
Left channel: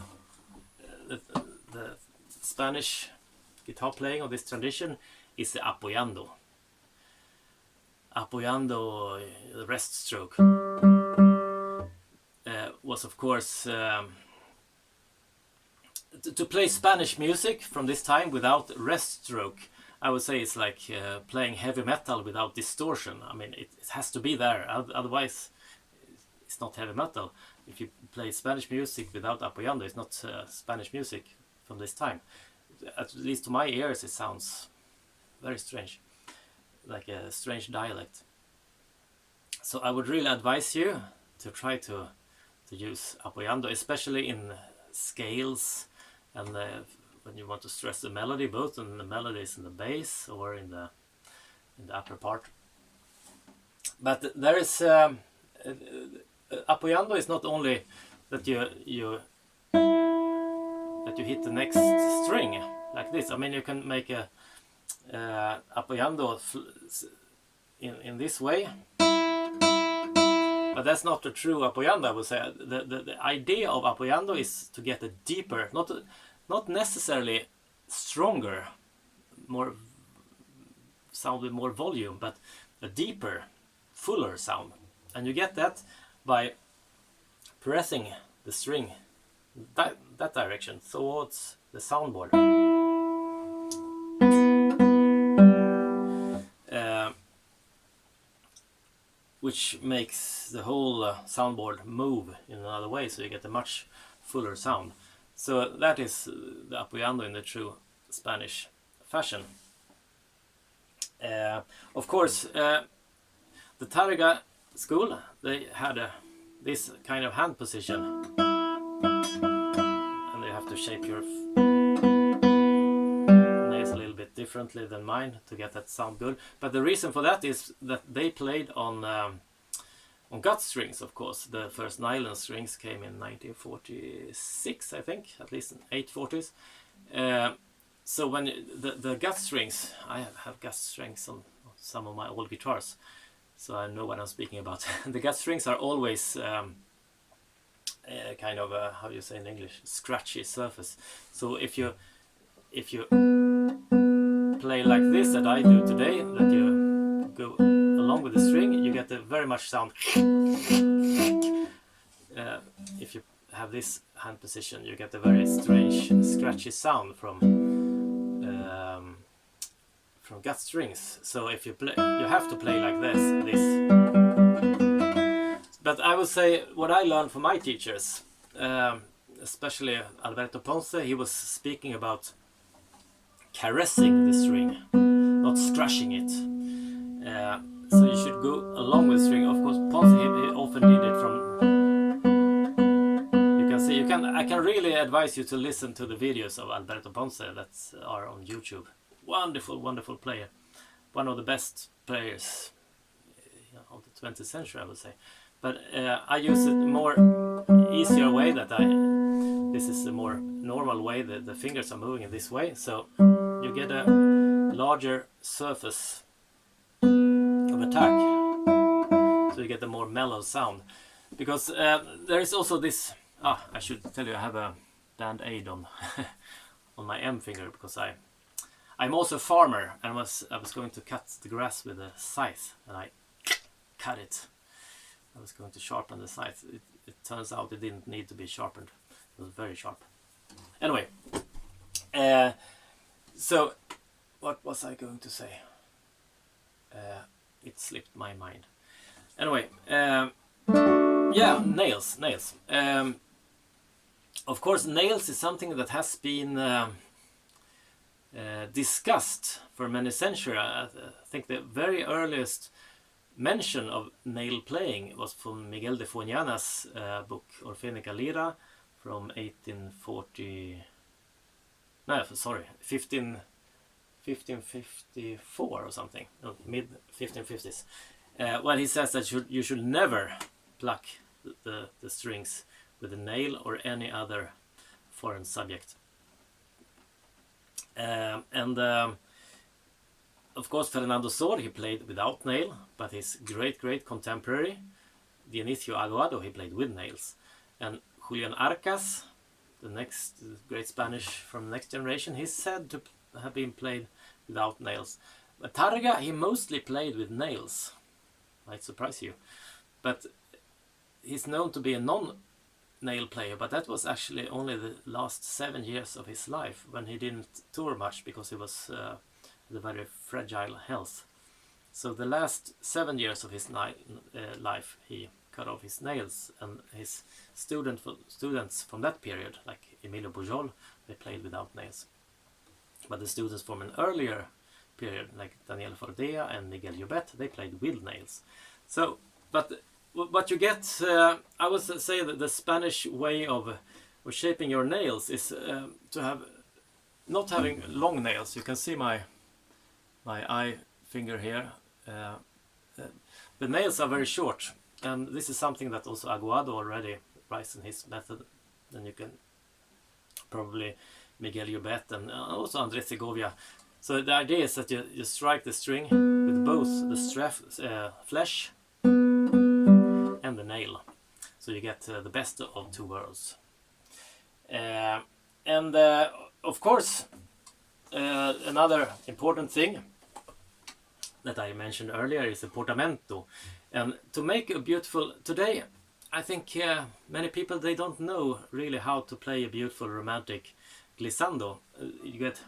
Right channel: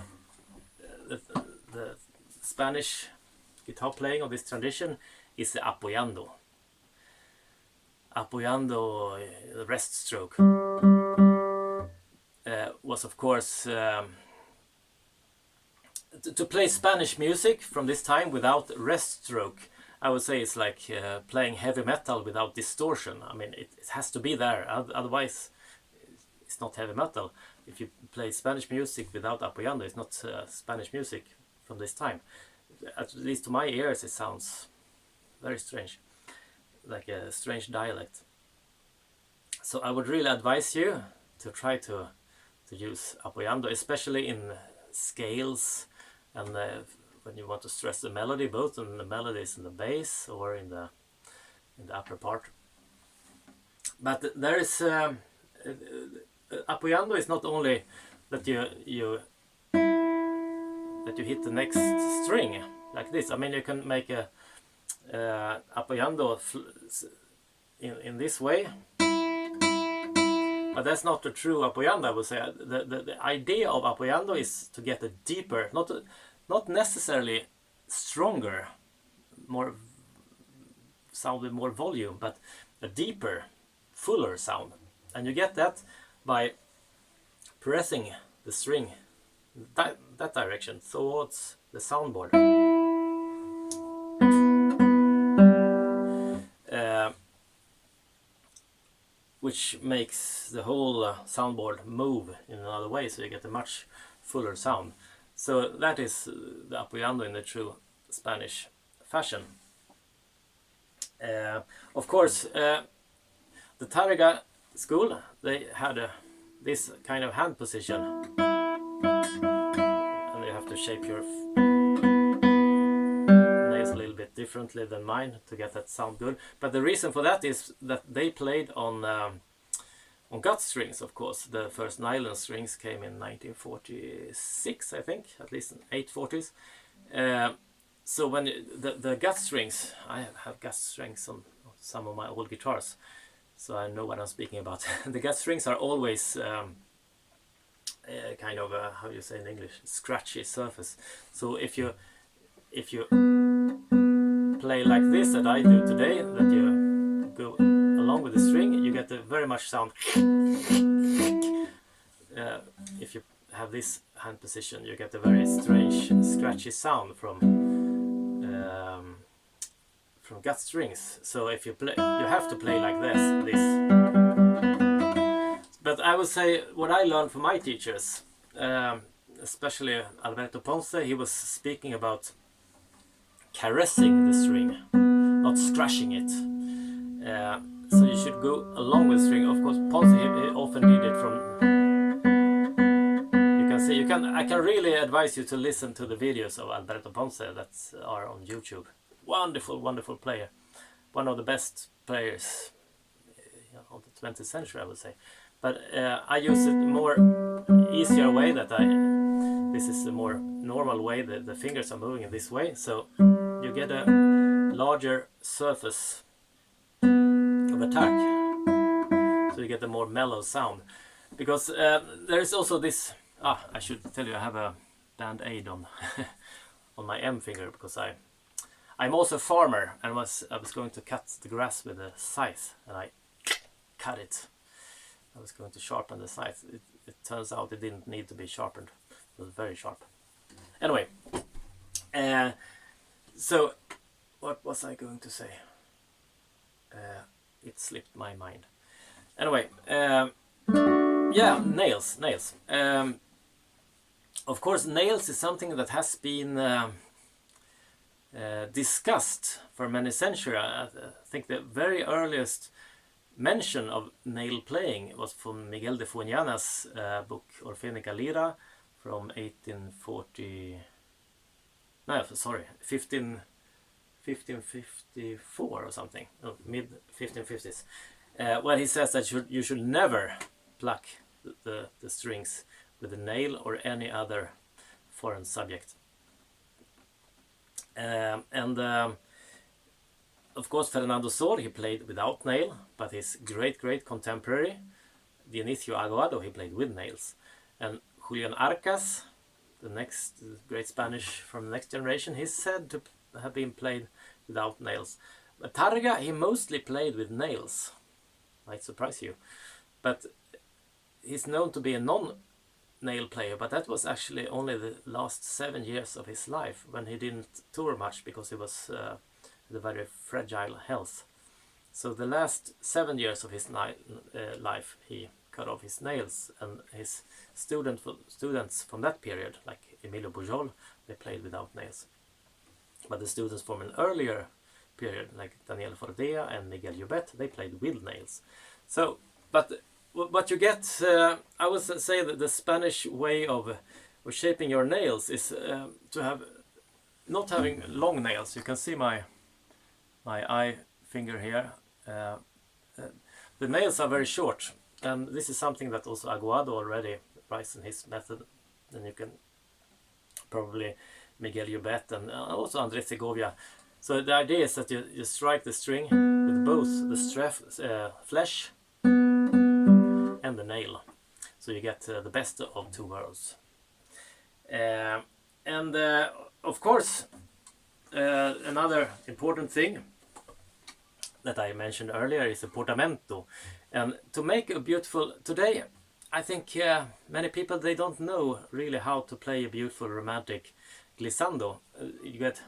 Spanish guitar playing of this tradition is the Apoyando. Apoyando, the rest stroke, was of course to play Spanish music from this time without rest stroke. I would say it's like playing heavy metal without distortion. I mean, it has to be there, otherwise it's not heavy metal. If you play Spanish music without Apoyando, it's not Spanish music from this time. At least to my ears, it sounds very strange, like a strange dialect. So I would really advise you to try to use Apoyando, especially in scales, and when you want to stress the melody, both in the melodies in the bass or in the upper part. But there is Apoyando is not only that you hit the next string like this. I mean, you can make a Apoyando in this way, but that's not the true Apoyando, I would say. The idea of Apoyando is to get a deeper, not necessarily stronger, more sound with more volume, but a deeper, fuller sound. And you get that by pressing the string that direction towards the soundboard. Which makes the whole soundboard move in another way, so you get a much fuller sound. So that is the Apoyando in the true Spanish fashion. Of course, the Tarrega School, they had this kind of hand position, and you have to shape your nails a little bit differently than mine to get that sound good. But the reason for that is that they played on gut strings, of course. The first nylon strings came in 1946, I think, at least in 840s. So when the gut strings, I have gut strings on some of my old guitars, so I know what I'm speaking about. The gut strings are always kind of how you say in English, scratchy surface. So if you play like this that I do today, that you go along with the string, you get a very much sound. If you have this hand position, you get a very strange scratchy sound from gut strings. So if you play, you have to play like this. But I would say what I learned from my teachers, especially Alberto Ponce, he was speaking about caressing the string, not scratching it. So you should go along with the string. Of course, Ponce he often did it from. You can see. I can really advise you to listen to the videos of Alberto Ponce that are on YouTube. Wonderful, wonderful player. One of the best players of the 20th century, I would say. But I use it more easier way that this is a more normal way that the fingers are moving in this way. So you get a larger surface of attack. So you get a more mellow sound. Because there is also this, I should tell you, I have a band-aid on on my M finger because I'm also a farmer, and I was going to cut the grass with a scythe, and I cut it. I was going to sharpen the scythe. It turns out it didn't need to be sharpened. It was very sharp. Anyway, so what was I going to say? It slipped my mind. Anyway, yeah, nails. Of course, nails is something that has been discussed for many centuries. I think the very earliest mention of nail playing was from Miguel de Foñana's book Orfénica Lira from 1554 or something, no, mid 1550s, where he says that you should never pluck the strings with a nail or any other foreign subject. Of course, Fernando Sor, he played without nail, but his great contemporary, Dionisio Aguado, he played with nails. And Julian Arcas, the next great Spanish from the next generation, he's said to have been played without nails. But Tárrega, he mostly played with nails. Might surprise you. But he's known to be a non-nail player, but that was actually only the last 7 years of his life, when he didn't tour much because he was had a very fragile health. So the last 7 years of his life he cut off his nails, and his students from that period, like Emilio Pujol, they played without nails. But the students from an earlier period, like Daniel Fordea and Miguel Llobet, they played with nails. So, but what you get, I would say that the Spanish way of shaping your nails is to have not having long nails. You can see my eye finger here. The nails are very short, and this is something that also Aguado already writes in his method. And you can probably Miguel Llobet and also Andrés Segovia. So the idea is that you strike the string with both the flesh and the nail, so you get the best of two worlds. And of course, another important thing that I mentioned earlier is the portamento. And to make a beautiful, today I think many people, they don't know really how to play a beautiful romantic glissando. You get,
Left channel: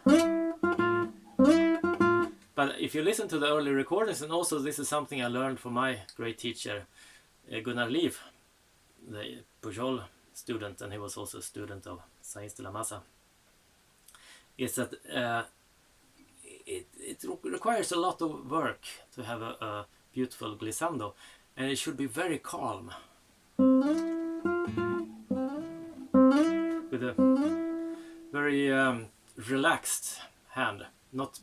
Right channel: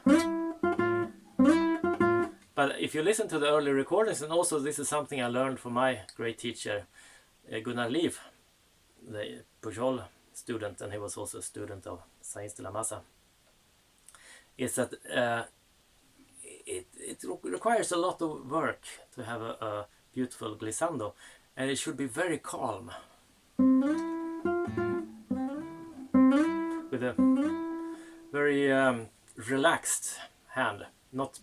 but if you listen to the early recordings, and also this is something I learned from my great teacher Gunnar Liv, the Pujol student, and he was also a student of Sainz de la Maza, is that it requires a lot of work to have a beautiful glissando, and it should be very calm, with a very relaxed hand, not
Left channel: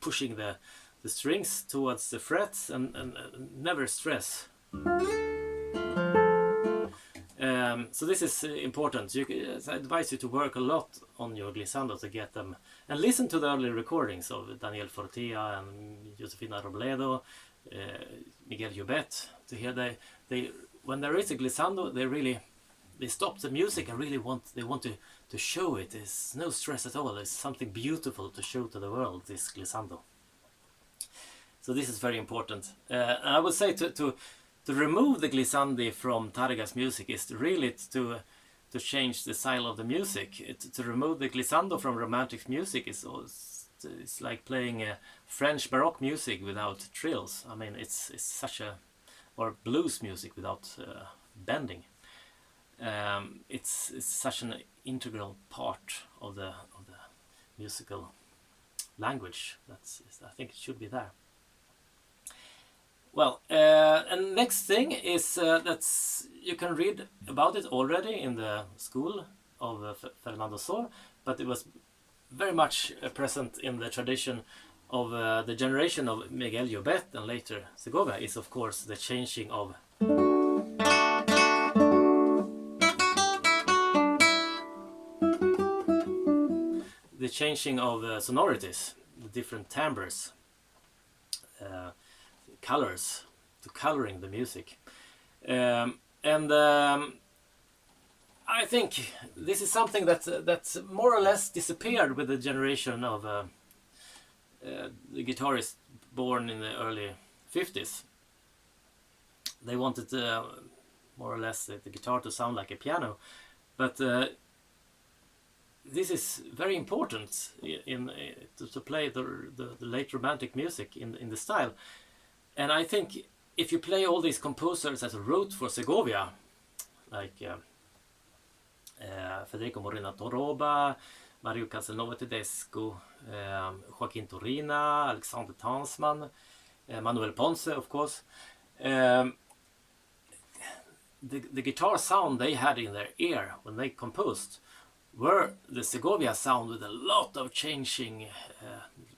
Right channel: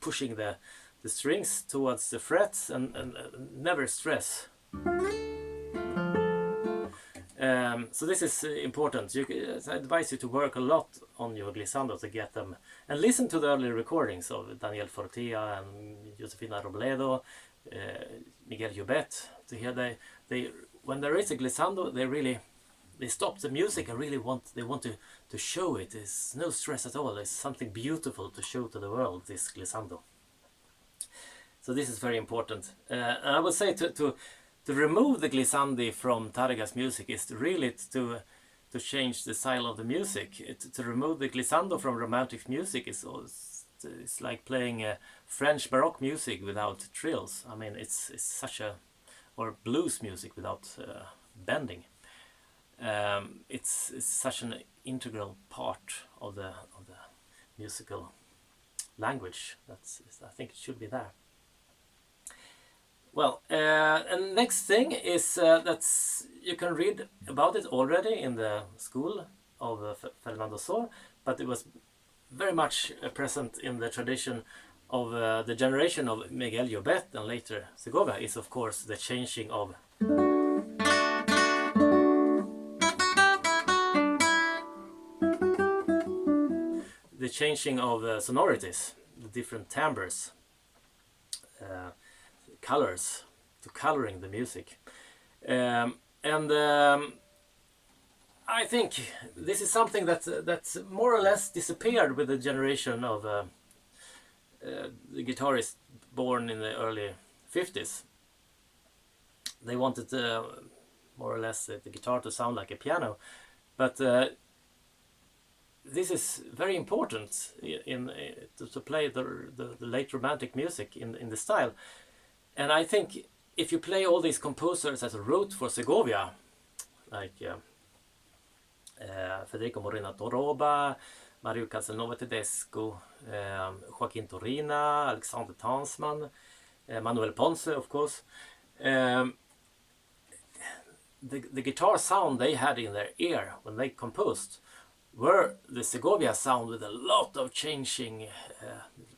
pushing the strings towards the frets, and never stress. So this is important. I advise you to work a lot on your glissando to get them, and listen to the early recordings of Daniel Fortea and Josefina Robledo, Miguel Llobet, to hear they when there is a glissando, they stop the music and really want to show it. There's no stress at all. It's something beautiful to show to the world, this glissando. So this is very important. And I would say to remove the glissandi from Tárrega's music is really to change the style of the music. To remove the glissando from romantic music is like playing French Baroque music without trills. I mean, it's such a, or blues music without bending. It's such an integral part of the musical language. I think it should be there. Well, and next thing is that you can read about it already in the school of Fernando Sor, but it was very much present in the tradition of the generation of Miguel Llobet and later Segovia, is of course the changing of sonorities, the different timbres, colors, to coloring the music. I think this is something that's more or less disappeared with the generation of the guitarists born in the early 50s. They wanted more or less the guitar to sound like a piano, but this is very important to play the late romantic music in the style. And I think if you play all these composers that wrote for Segovia, like Federico Morena Toroba, Mario Casanova Tedesco, Joaquin Turina, Alexander Tansman, Manuel Ponce, of course, the guitar sound they had in their ear when they composed were the Segovia sound, with a lot of changing,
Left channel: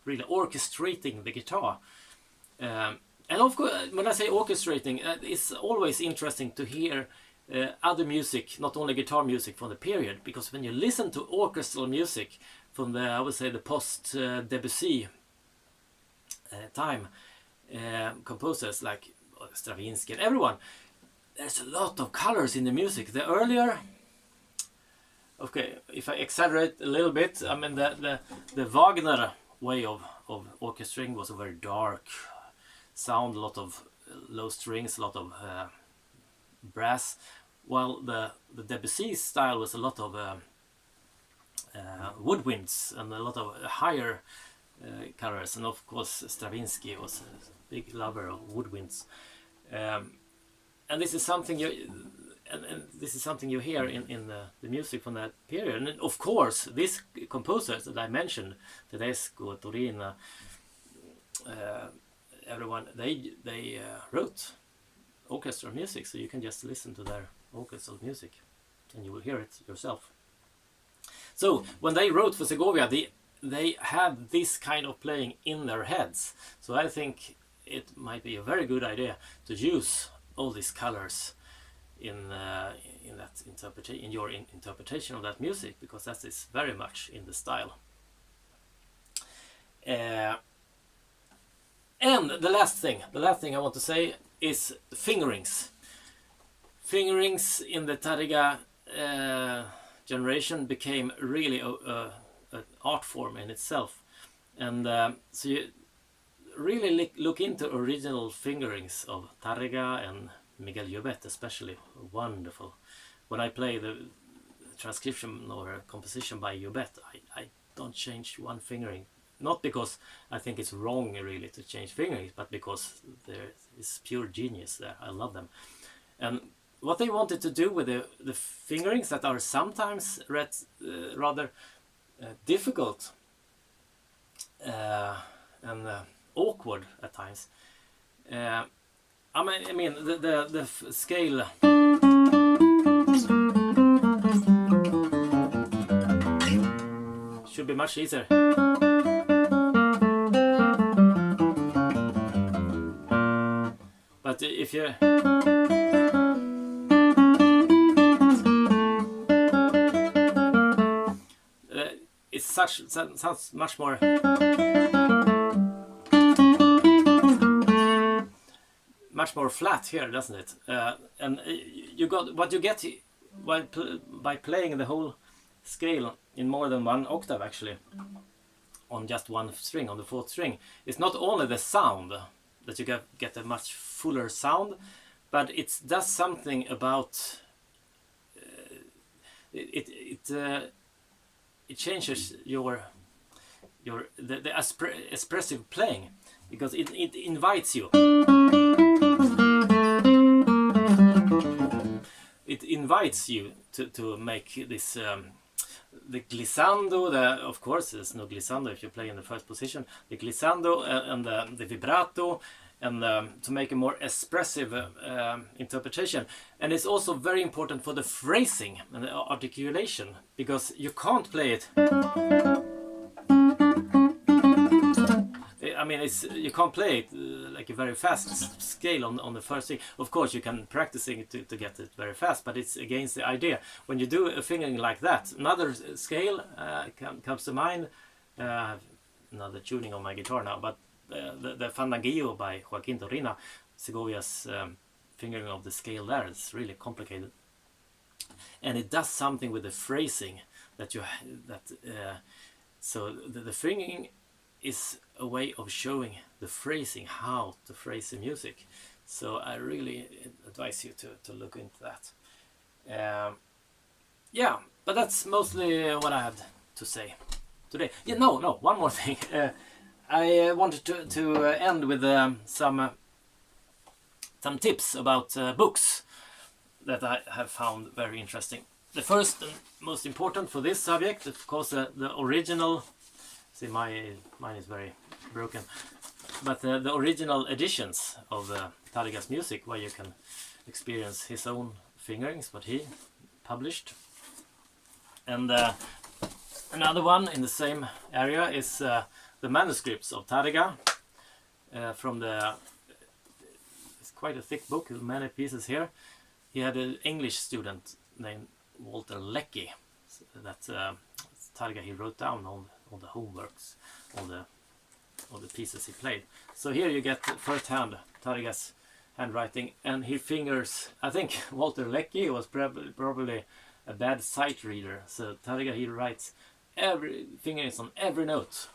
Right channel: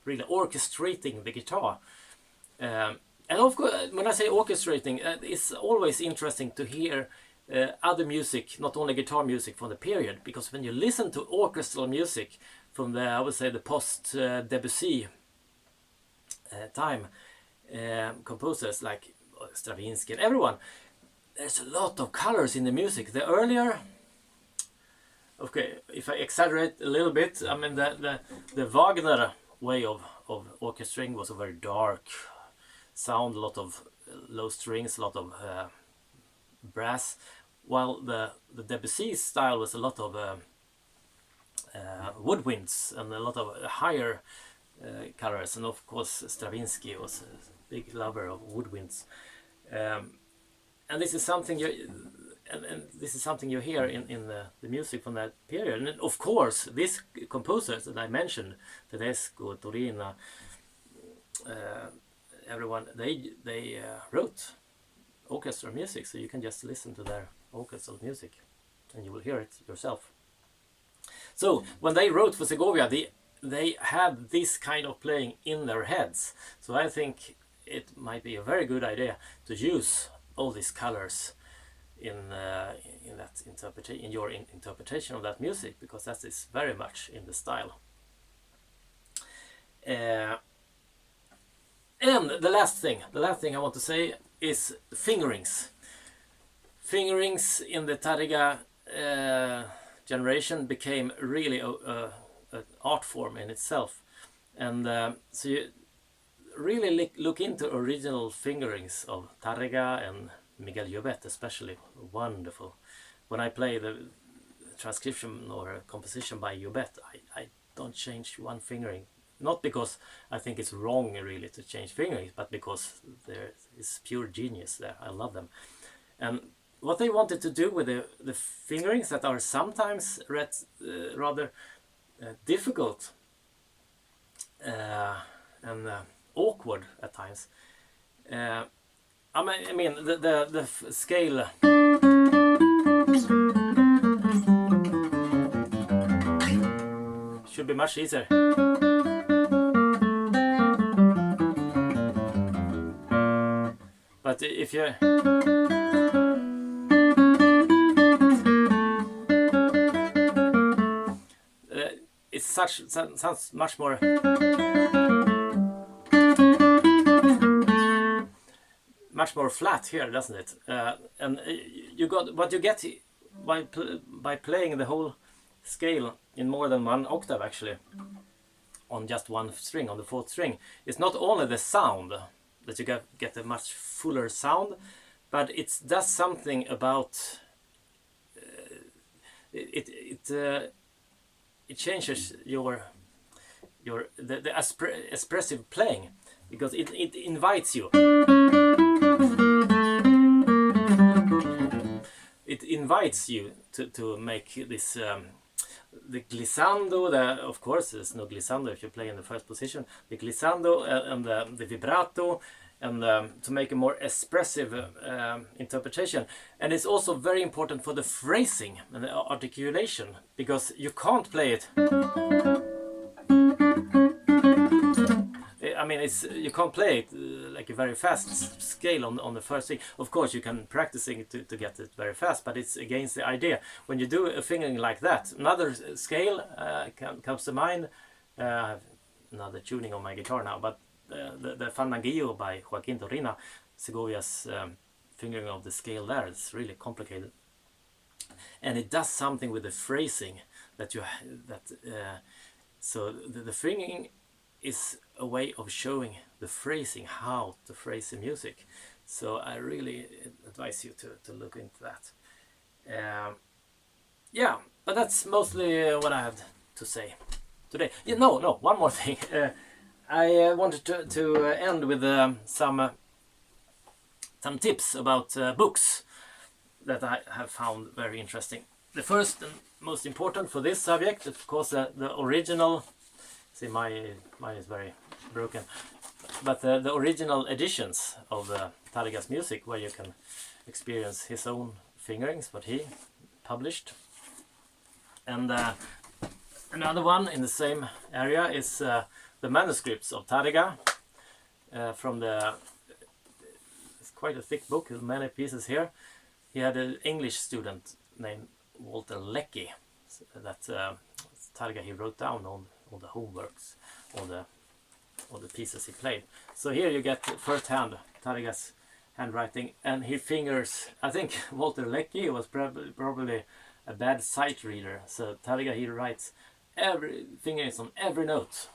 really orchestrating the guitar. And of course, when I say orchestrating, it's always interesting to hear other music, not only guitar music from the period, because when you listen to orchestral music from the, I would say, the post-Debussy time, composers like Stravinsky and everyone, there's a lot of colors in the music. The earlier, okay, if I exaggerate a little bit, I mean the Wagner way of orchestrating was a very dark sound, a lot of low strings, a lot of brass, while the Debussy style was a lot of woodwinds and a lot of higher colors. And of course Stravinsky was a big lover of woodwinds. and this is something and this is something you hear in the music from that period. And of course, these composers that I mentioned, Tedesco, Torina, everyone, they wrote orchestral music, so you can just listen to their orchestral music and you will hear it yourself. So when they wrote for Segovia, they had this kind of playing in their heads. So I think it might be a very good idea to use all these colors in your interpretation of that music, because that is very much in the style. And the last thing I want to say is fingerings. Fingerings in the Tárrega generation became really an art form in itself, and so you really look into original fingerings of Tárrega and Miguel Llobet, especially. Wonderful. When I play the transcription or a composition by Llobet, I don't change one fingering. Not because I think it's wrong really to change fingerings, but because there is pure genius there. I love them. And what they wanted to do with the fingerings that are sometimes rather difficult and awkward at times. I mean the scale should be much easier. But if you it sounds much more flat here, doesn't it? And you got what you get by playing the whole scale in more than one octave, actually, on just one string, on the fourth string. It's not only the sound that you get a much fuller sound, but it does something about it changes the expressive playing, because it invites you. It invites you to make this the glissando. Of course, there's no glissando if you play in the first position. The glissando and the vibrato, and to make a more expressive interpretation. And it's also very important for the phrasing and the articulation, because you can't play it. I mean, you can't play it like a very fast scale on the first thing. Of course, you can practicing it to get it very fast, but it's against the idea. When you do a fingering like that, another scale comes to mind. I have another tuning on my guitar now, but the Fandanguillo by Joaquin Torrina, Segovia's fingering of the scale there, is really complicated, and it does something with the phrasing so the fingering is a way of showing the phrasing, how to phrase the music. So I really advise you to look into that. Yeah, but that's mostly what I have to say today. Yeah, no, one more thing. I wanted to end with some tips about books that I have found very interesting. The first and most important for this subject, of course, the original. See, mine is very broken, but the original editions of Tárrega's music, where you can experience his own fingerings, what he published. And another one in the same area is the manuscripts of Tárrega from it's quite a thick book with many pieces here. He had an English student named Walter Leckie that Tárrega he wrote down on the homeworks, all the pieces he played. So here you get first-hand Tárrega's handwriting, and he fingers. I think Walter Leckie was probably a bad sight reader, so Tárrega he writes every fingerings on every note.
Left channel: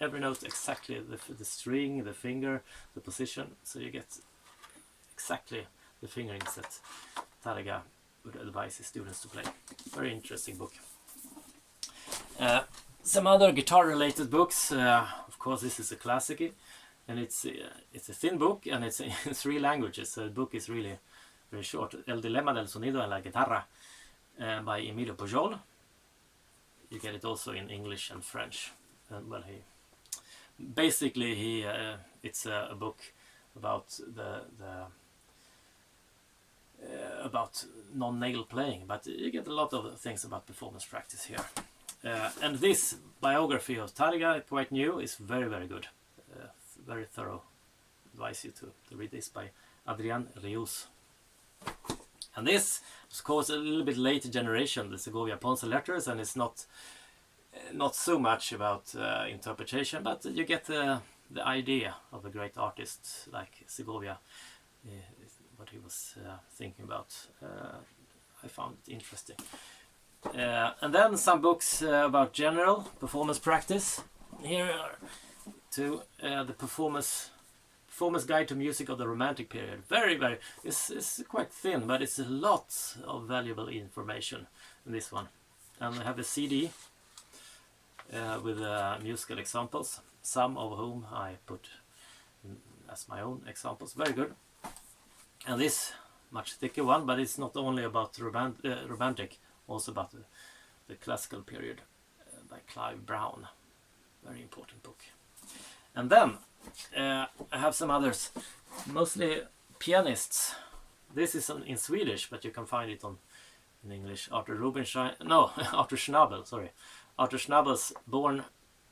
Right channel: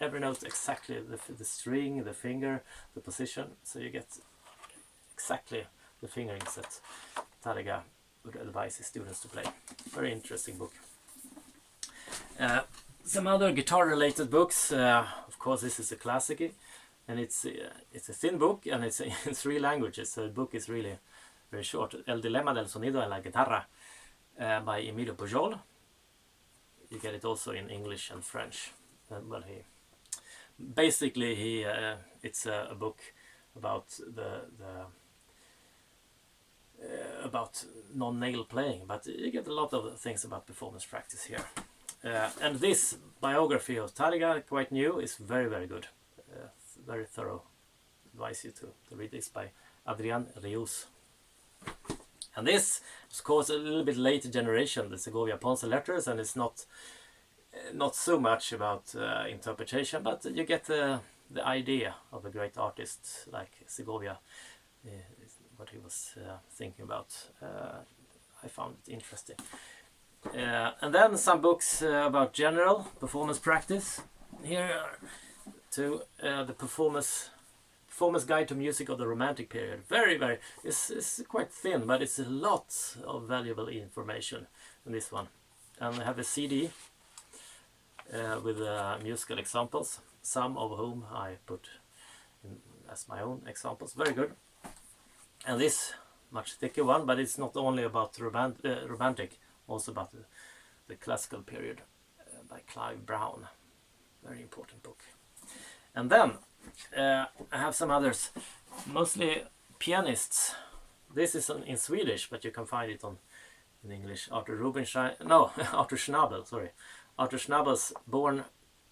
Every note exactly, the string, the finger, the position. So you get exactly the fingerings that Tárrega would advise his students to play. Very interesting book. Some other guitar-related books. Of course, this is a classic. and it's a thin book, and it's in 3 languages, so the book is really very short. El Dilemma del Sonido en la Guitarra by Emilio Pujol. You get it also in English and French. Well, it's a book about about non-nail playing, but you get a lot of things about performance practice here. And this biography of Tárrega, quite new, is very, very good. Very thorough. Advise you to read this by Adrián Rius. And this, of course, a little bit later generation, the Segovia Ponce letters, and it's not so much about interpretation, but you get the idea of a great artist like Segovia, what he was thinking about. I found it interesting. And then some books about general performance practice. Here are two, the performance guide to music of the Romantic period. Very, very, it's quite thin, but it's a lot of valuable information in this one. And I have a CD with musical examples, some of whom I put in as my own examples. Very good. And this much thicker one, but it's not only about romantic, also about the classical period by Clive Brown. Very important book. And then I have some others, mostly pianists. This is in Swedish, but you can find it in English. Arthur Schnabel, sorry. Arthur Schnabel's Born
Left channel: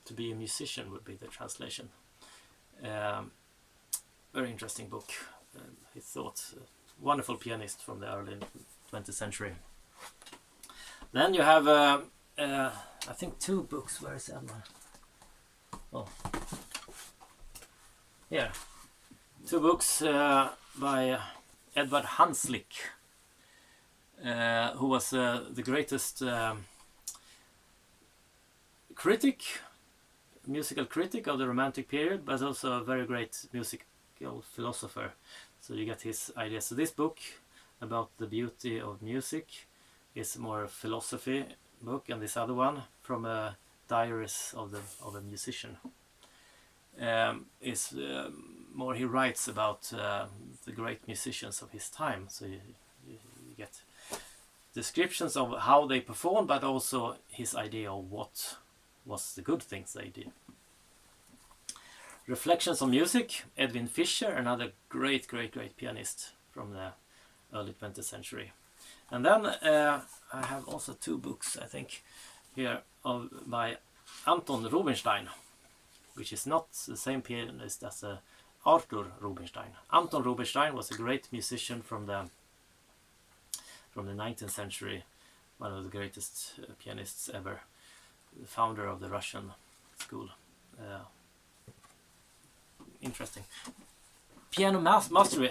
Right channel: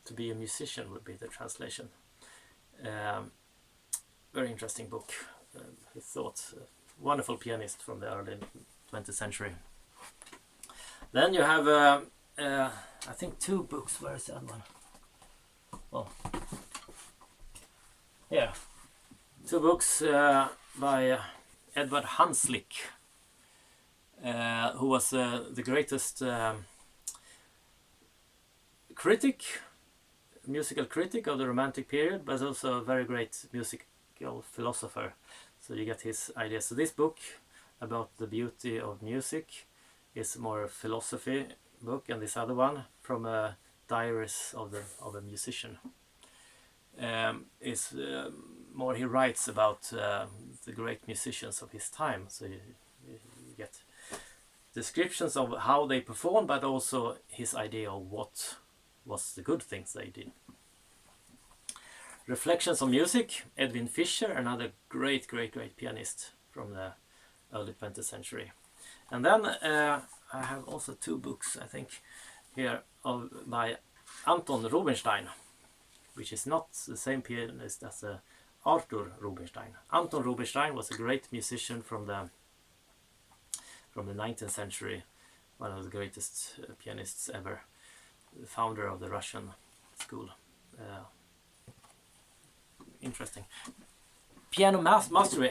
to be a Musician would be the translation. Very interesting book. He thought wonderful pianist from the early 20th century. Then you have, I think, 2 books. Where is that one? Oh, yeah, 2 books by Edvard Hanslick, who was the greatest musical critic of the Romantic period, but also a very great musical philosopher. So you get his ideas. So this book about the beauty of music is more a philosophy book, and this other one from a diaries of a musician is more, he writes about the great musicians of his time. So you get descriptions of how they performed, but also his idea of what was the good things they did. Reflections on Music, Edwin Fischer, another great pianist from the early 20th century. And then I have also 2 books, I think, here by Anton Rubinstein, which is not the same pianist as Arthur Rubinstein. Anton Rubinstein was a great musician from the 19th century, one of the greatest pianists ever, the founder of the Russian school. Interesting. Piano mastery,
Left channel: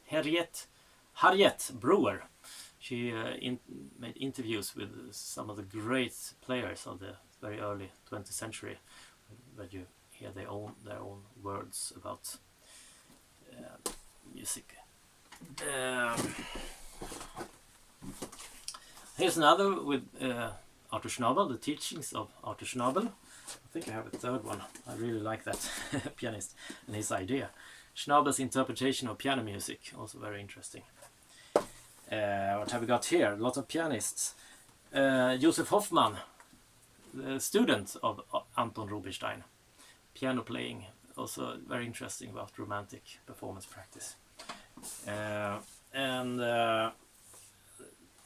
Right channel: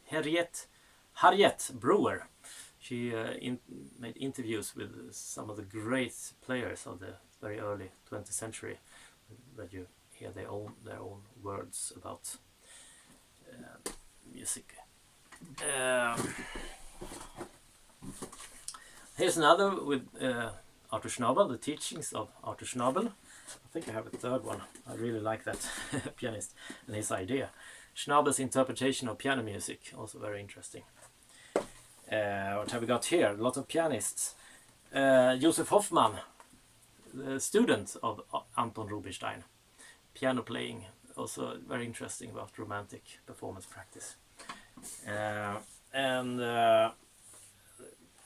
Harriet Brewer. She made interviews with some of the great players of the very early 20th century, where you hear their own words about music. Here's another with Arthur Schnabel, the teachings of Arthur Schnabel. I think I have a 3rd one. I really like that pianist and his idea. Schnabel's interpretation of piano music, also very interesting. What have we got here? A lot of pianists. Josef Hoffmann, the student of Anton Rubinstein. Piano playing, also very interesting about romantic performance practice. And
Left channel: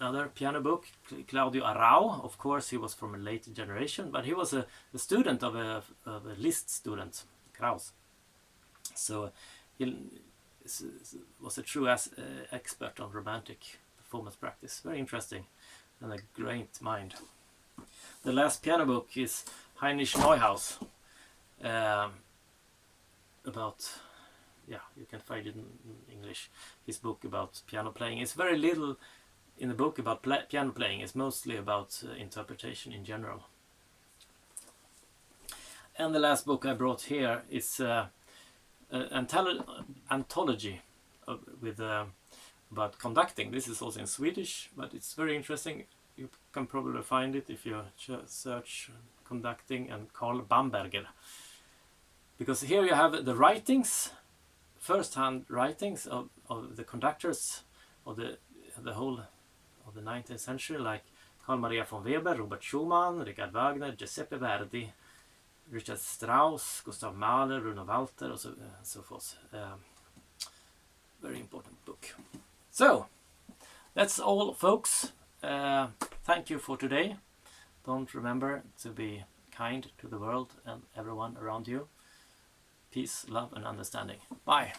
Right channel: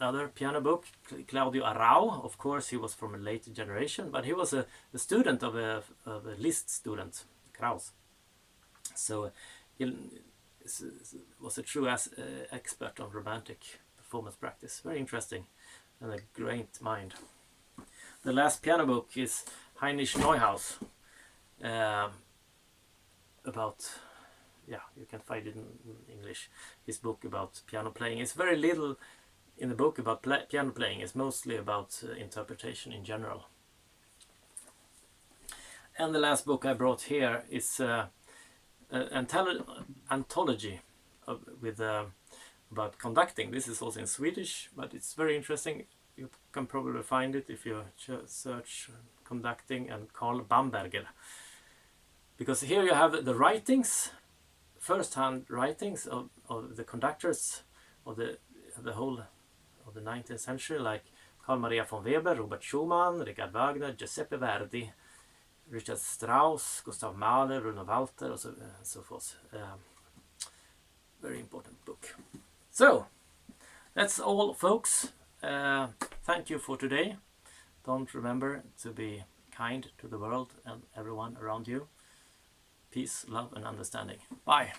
another piano book, Claudio Arrau. Of course, he was from a later generation, but he was a student of a Liszt student, Krauss. So he was a true expert on romantic performance practice. Very interesting and a great mind. The last piano book is Heinrich Neuhaus, about, you can find it in English, his book about piano playing. It's very little in the book about piano playing. It's mostly about interpretation in general. And the last book I brought here is an anthology with about conducting. This is also in Swedish, but it's very interesting. You can probably find it if you search conducting and Carl Bamberger. because here you have the writings, first-hand writings of the conductors of the whole of the 19th century, like Carl Maria von Weber, Robert Schumann, Richard Wagner, Giuseppe Verdi, Richard Strauss, Gustav Mahler, Bruno Walter, and so forth. Very important book. So that's all, folks. Thank you for today. Don't remember to be kind to the world and everyone around you. Peace, love, and understanding. Bye.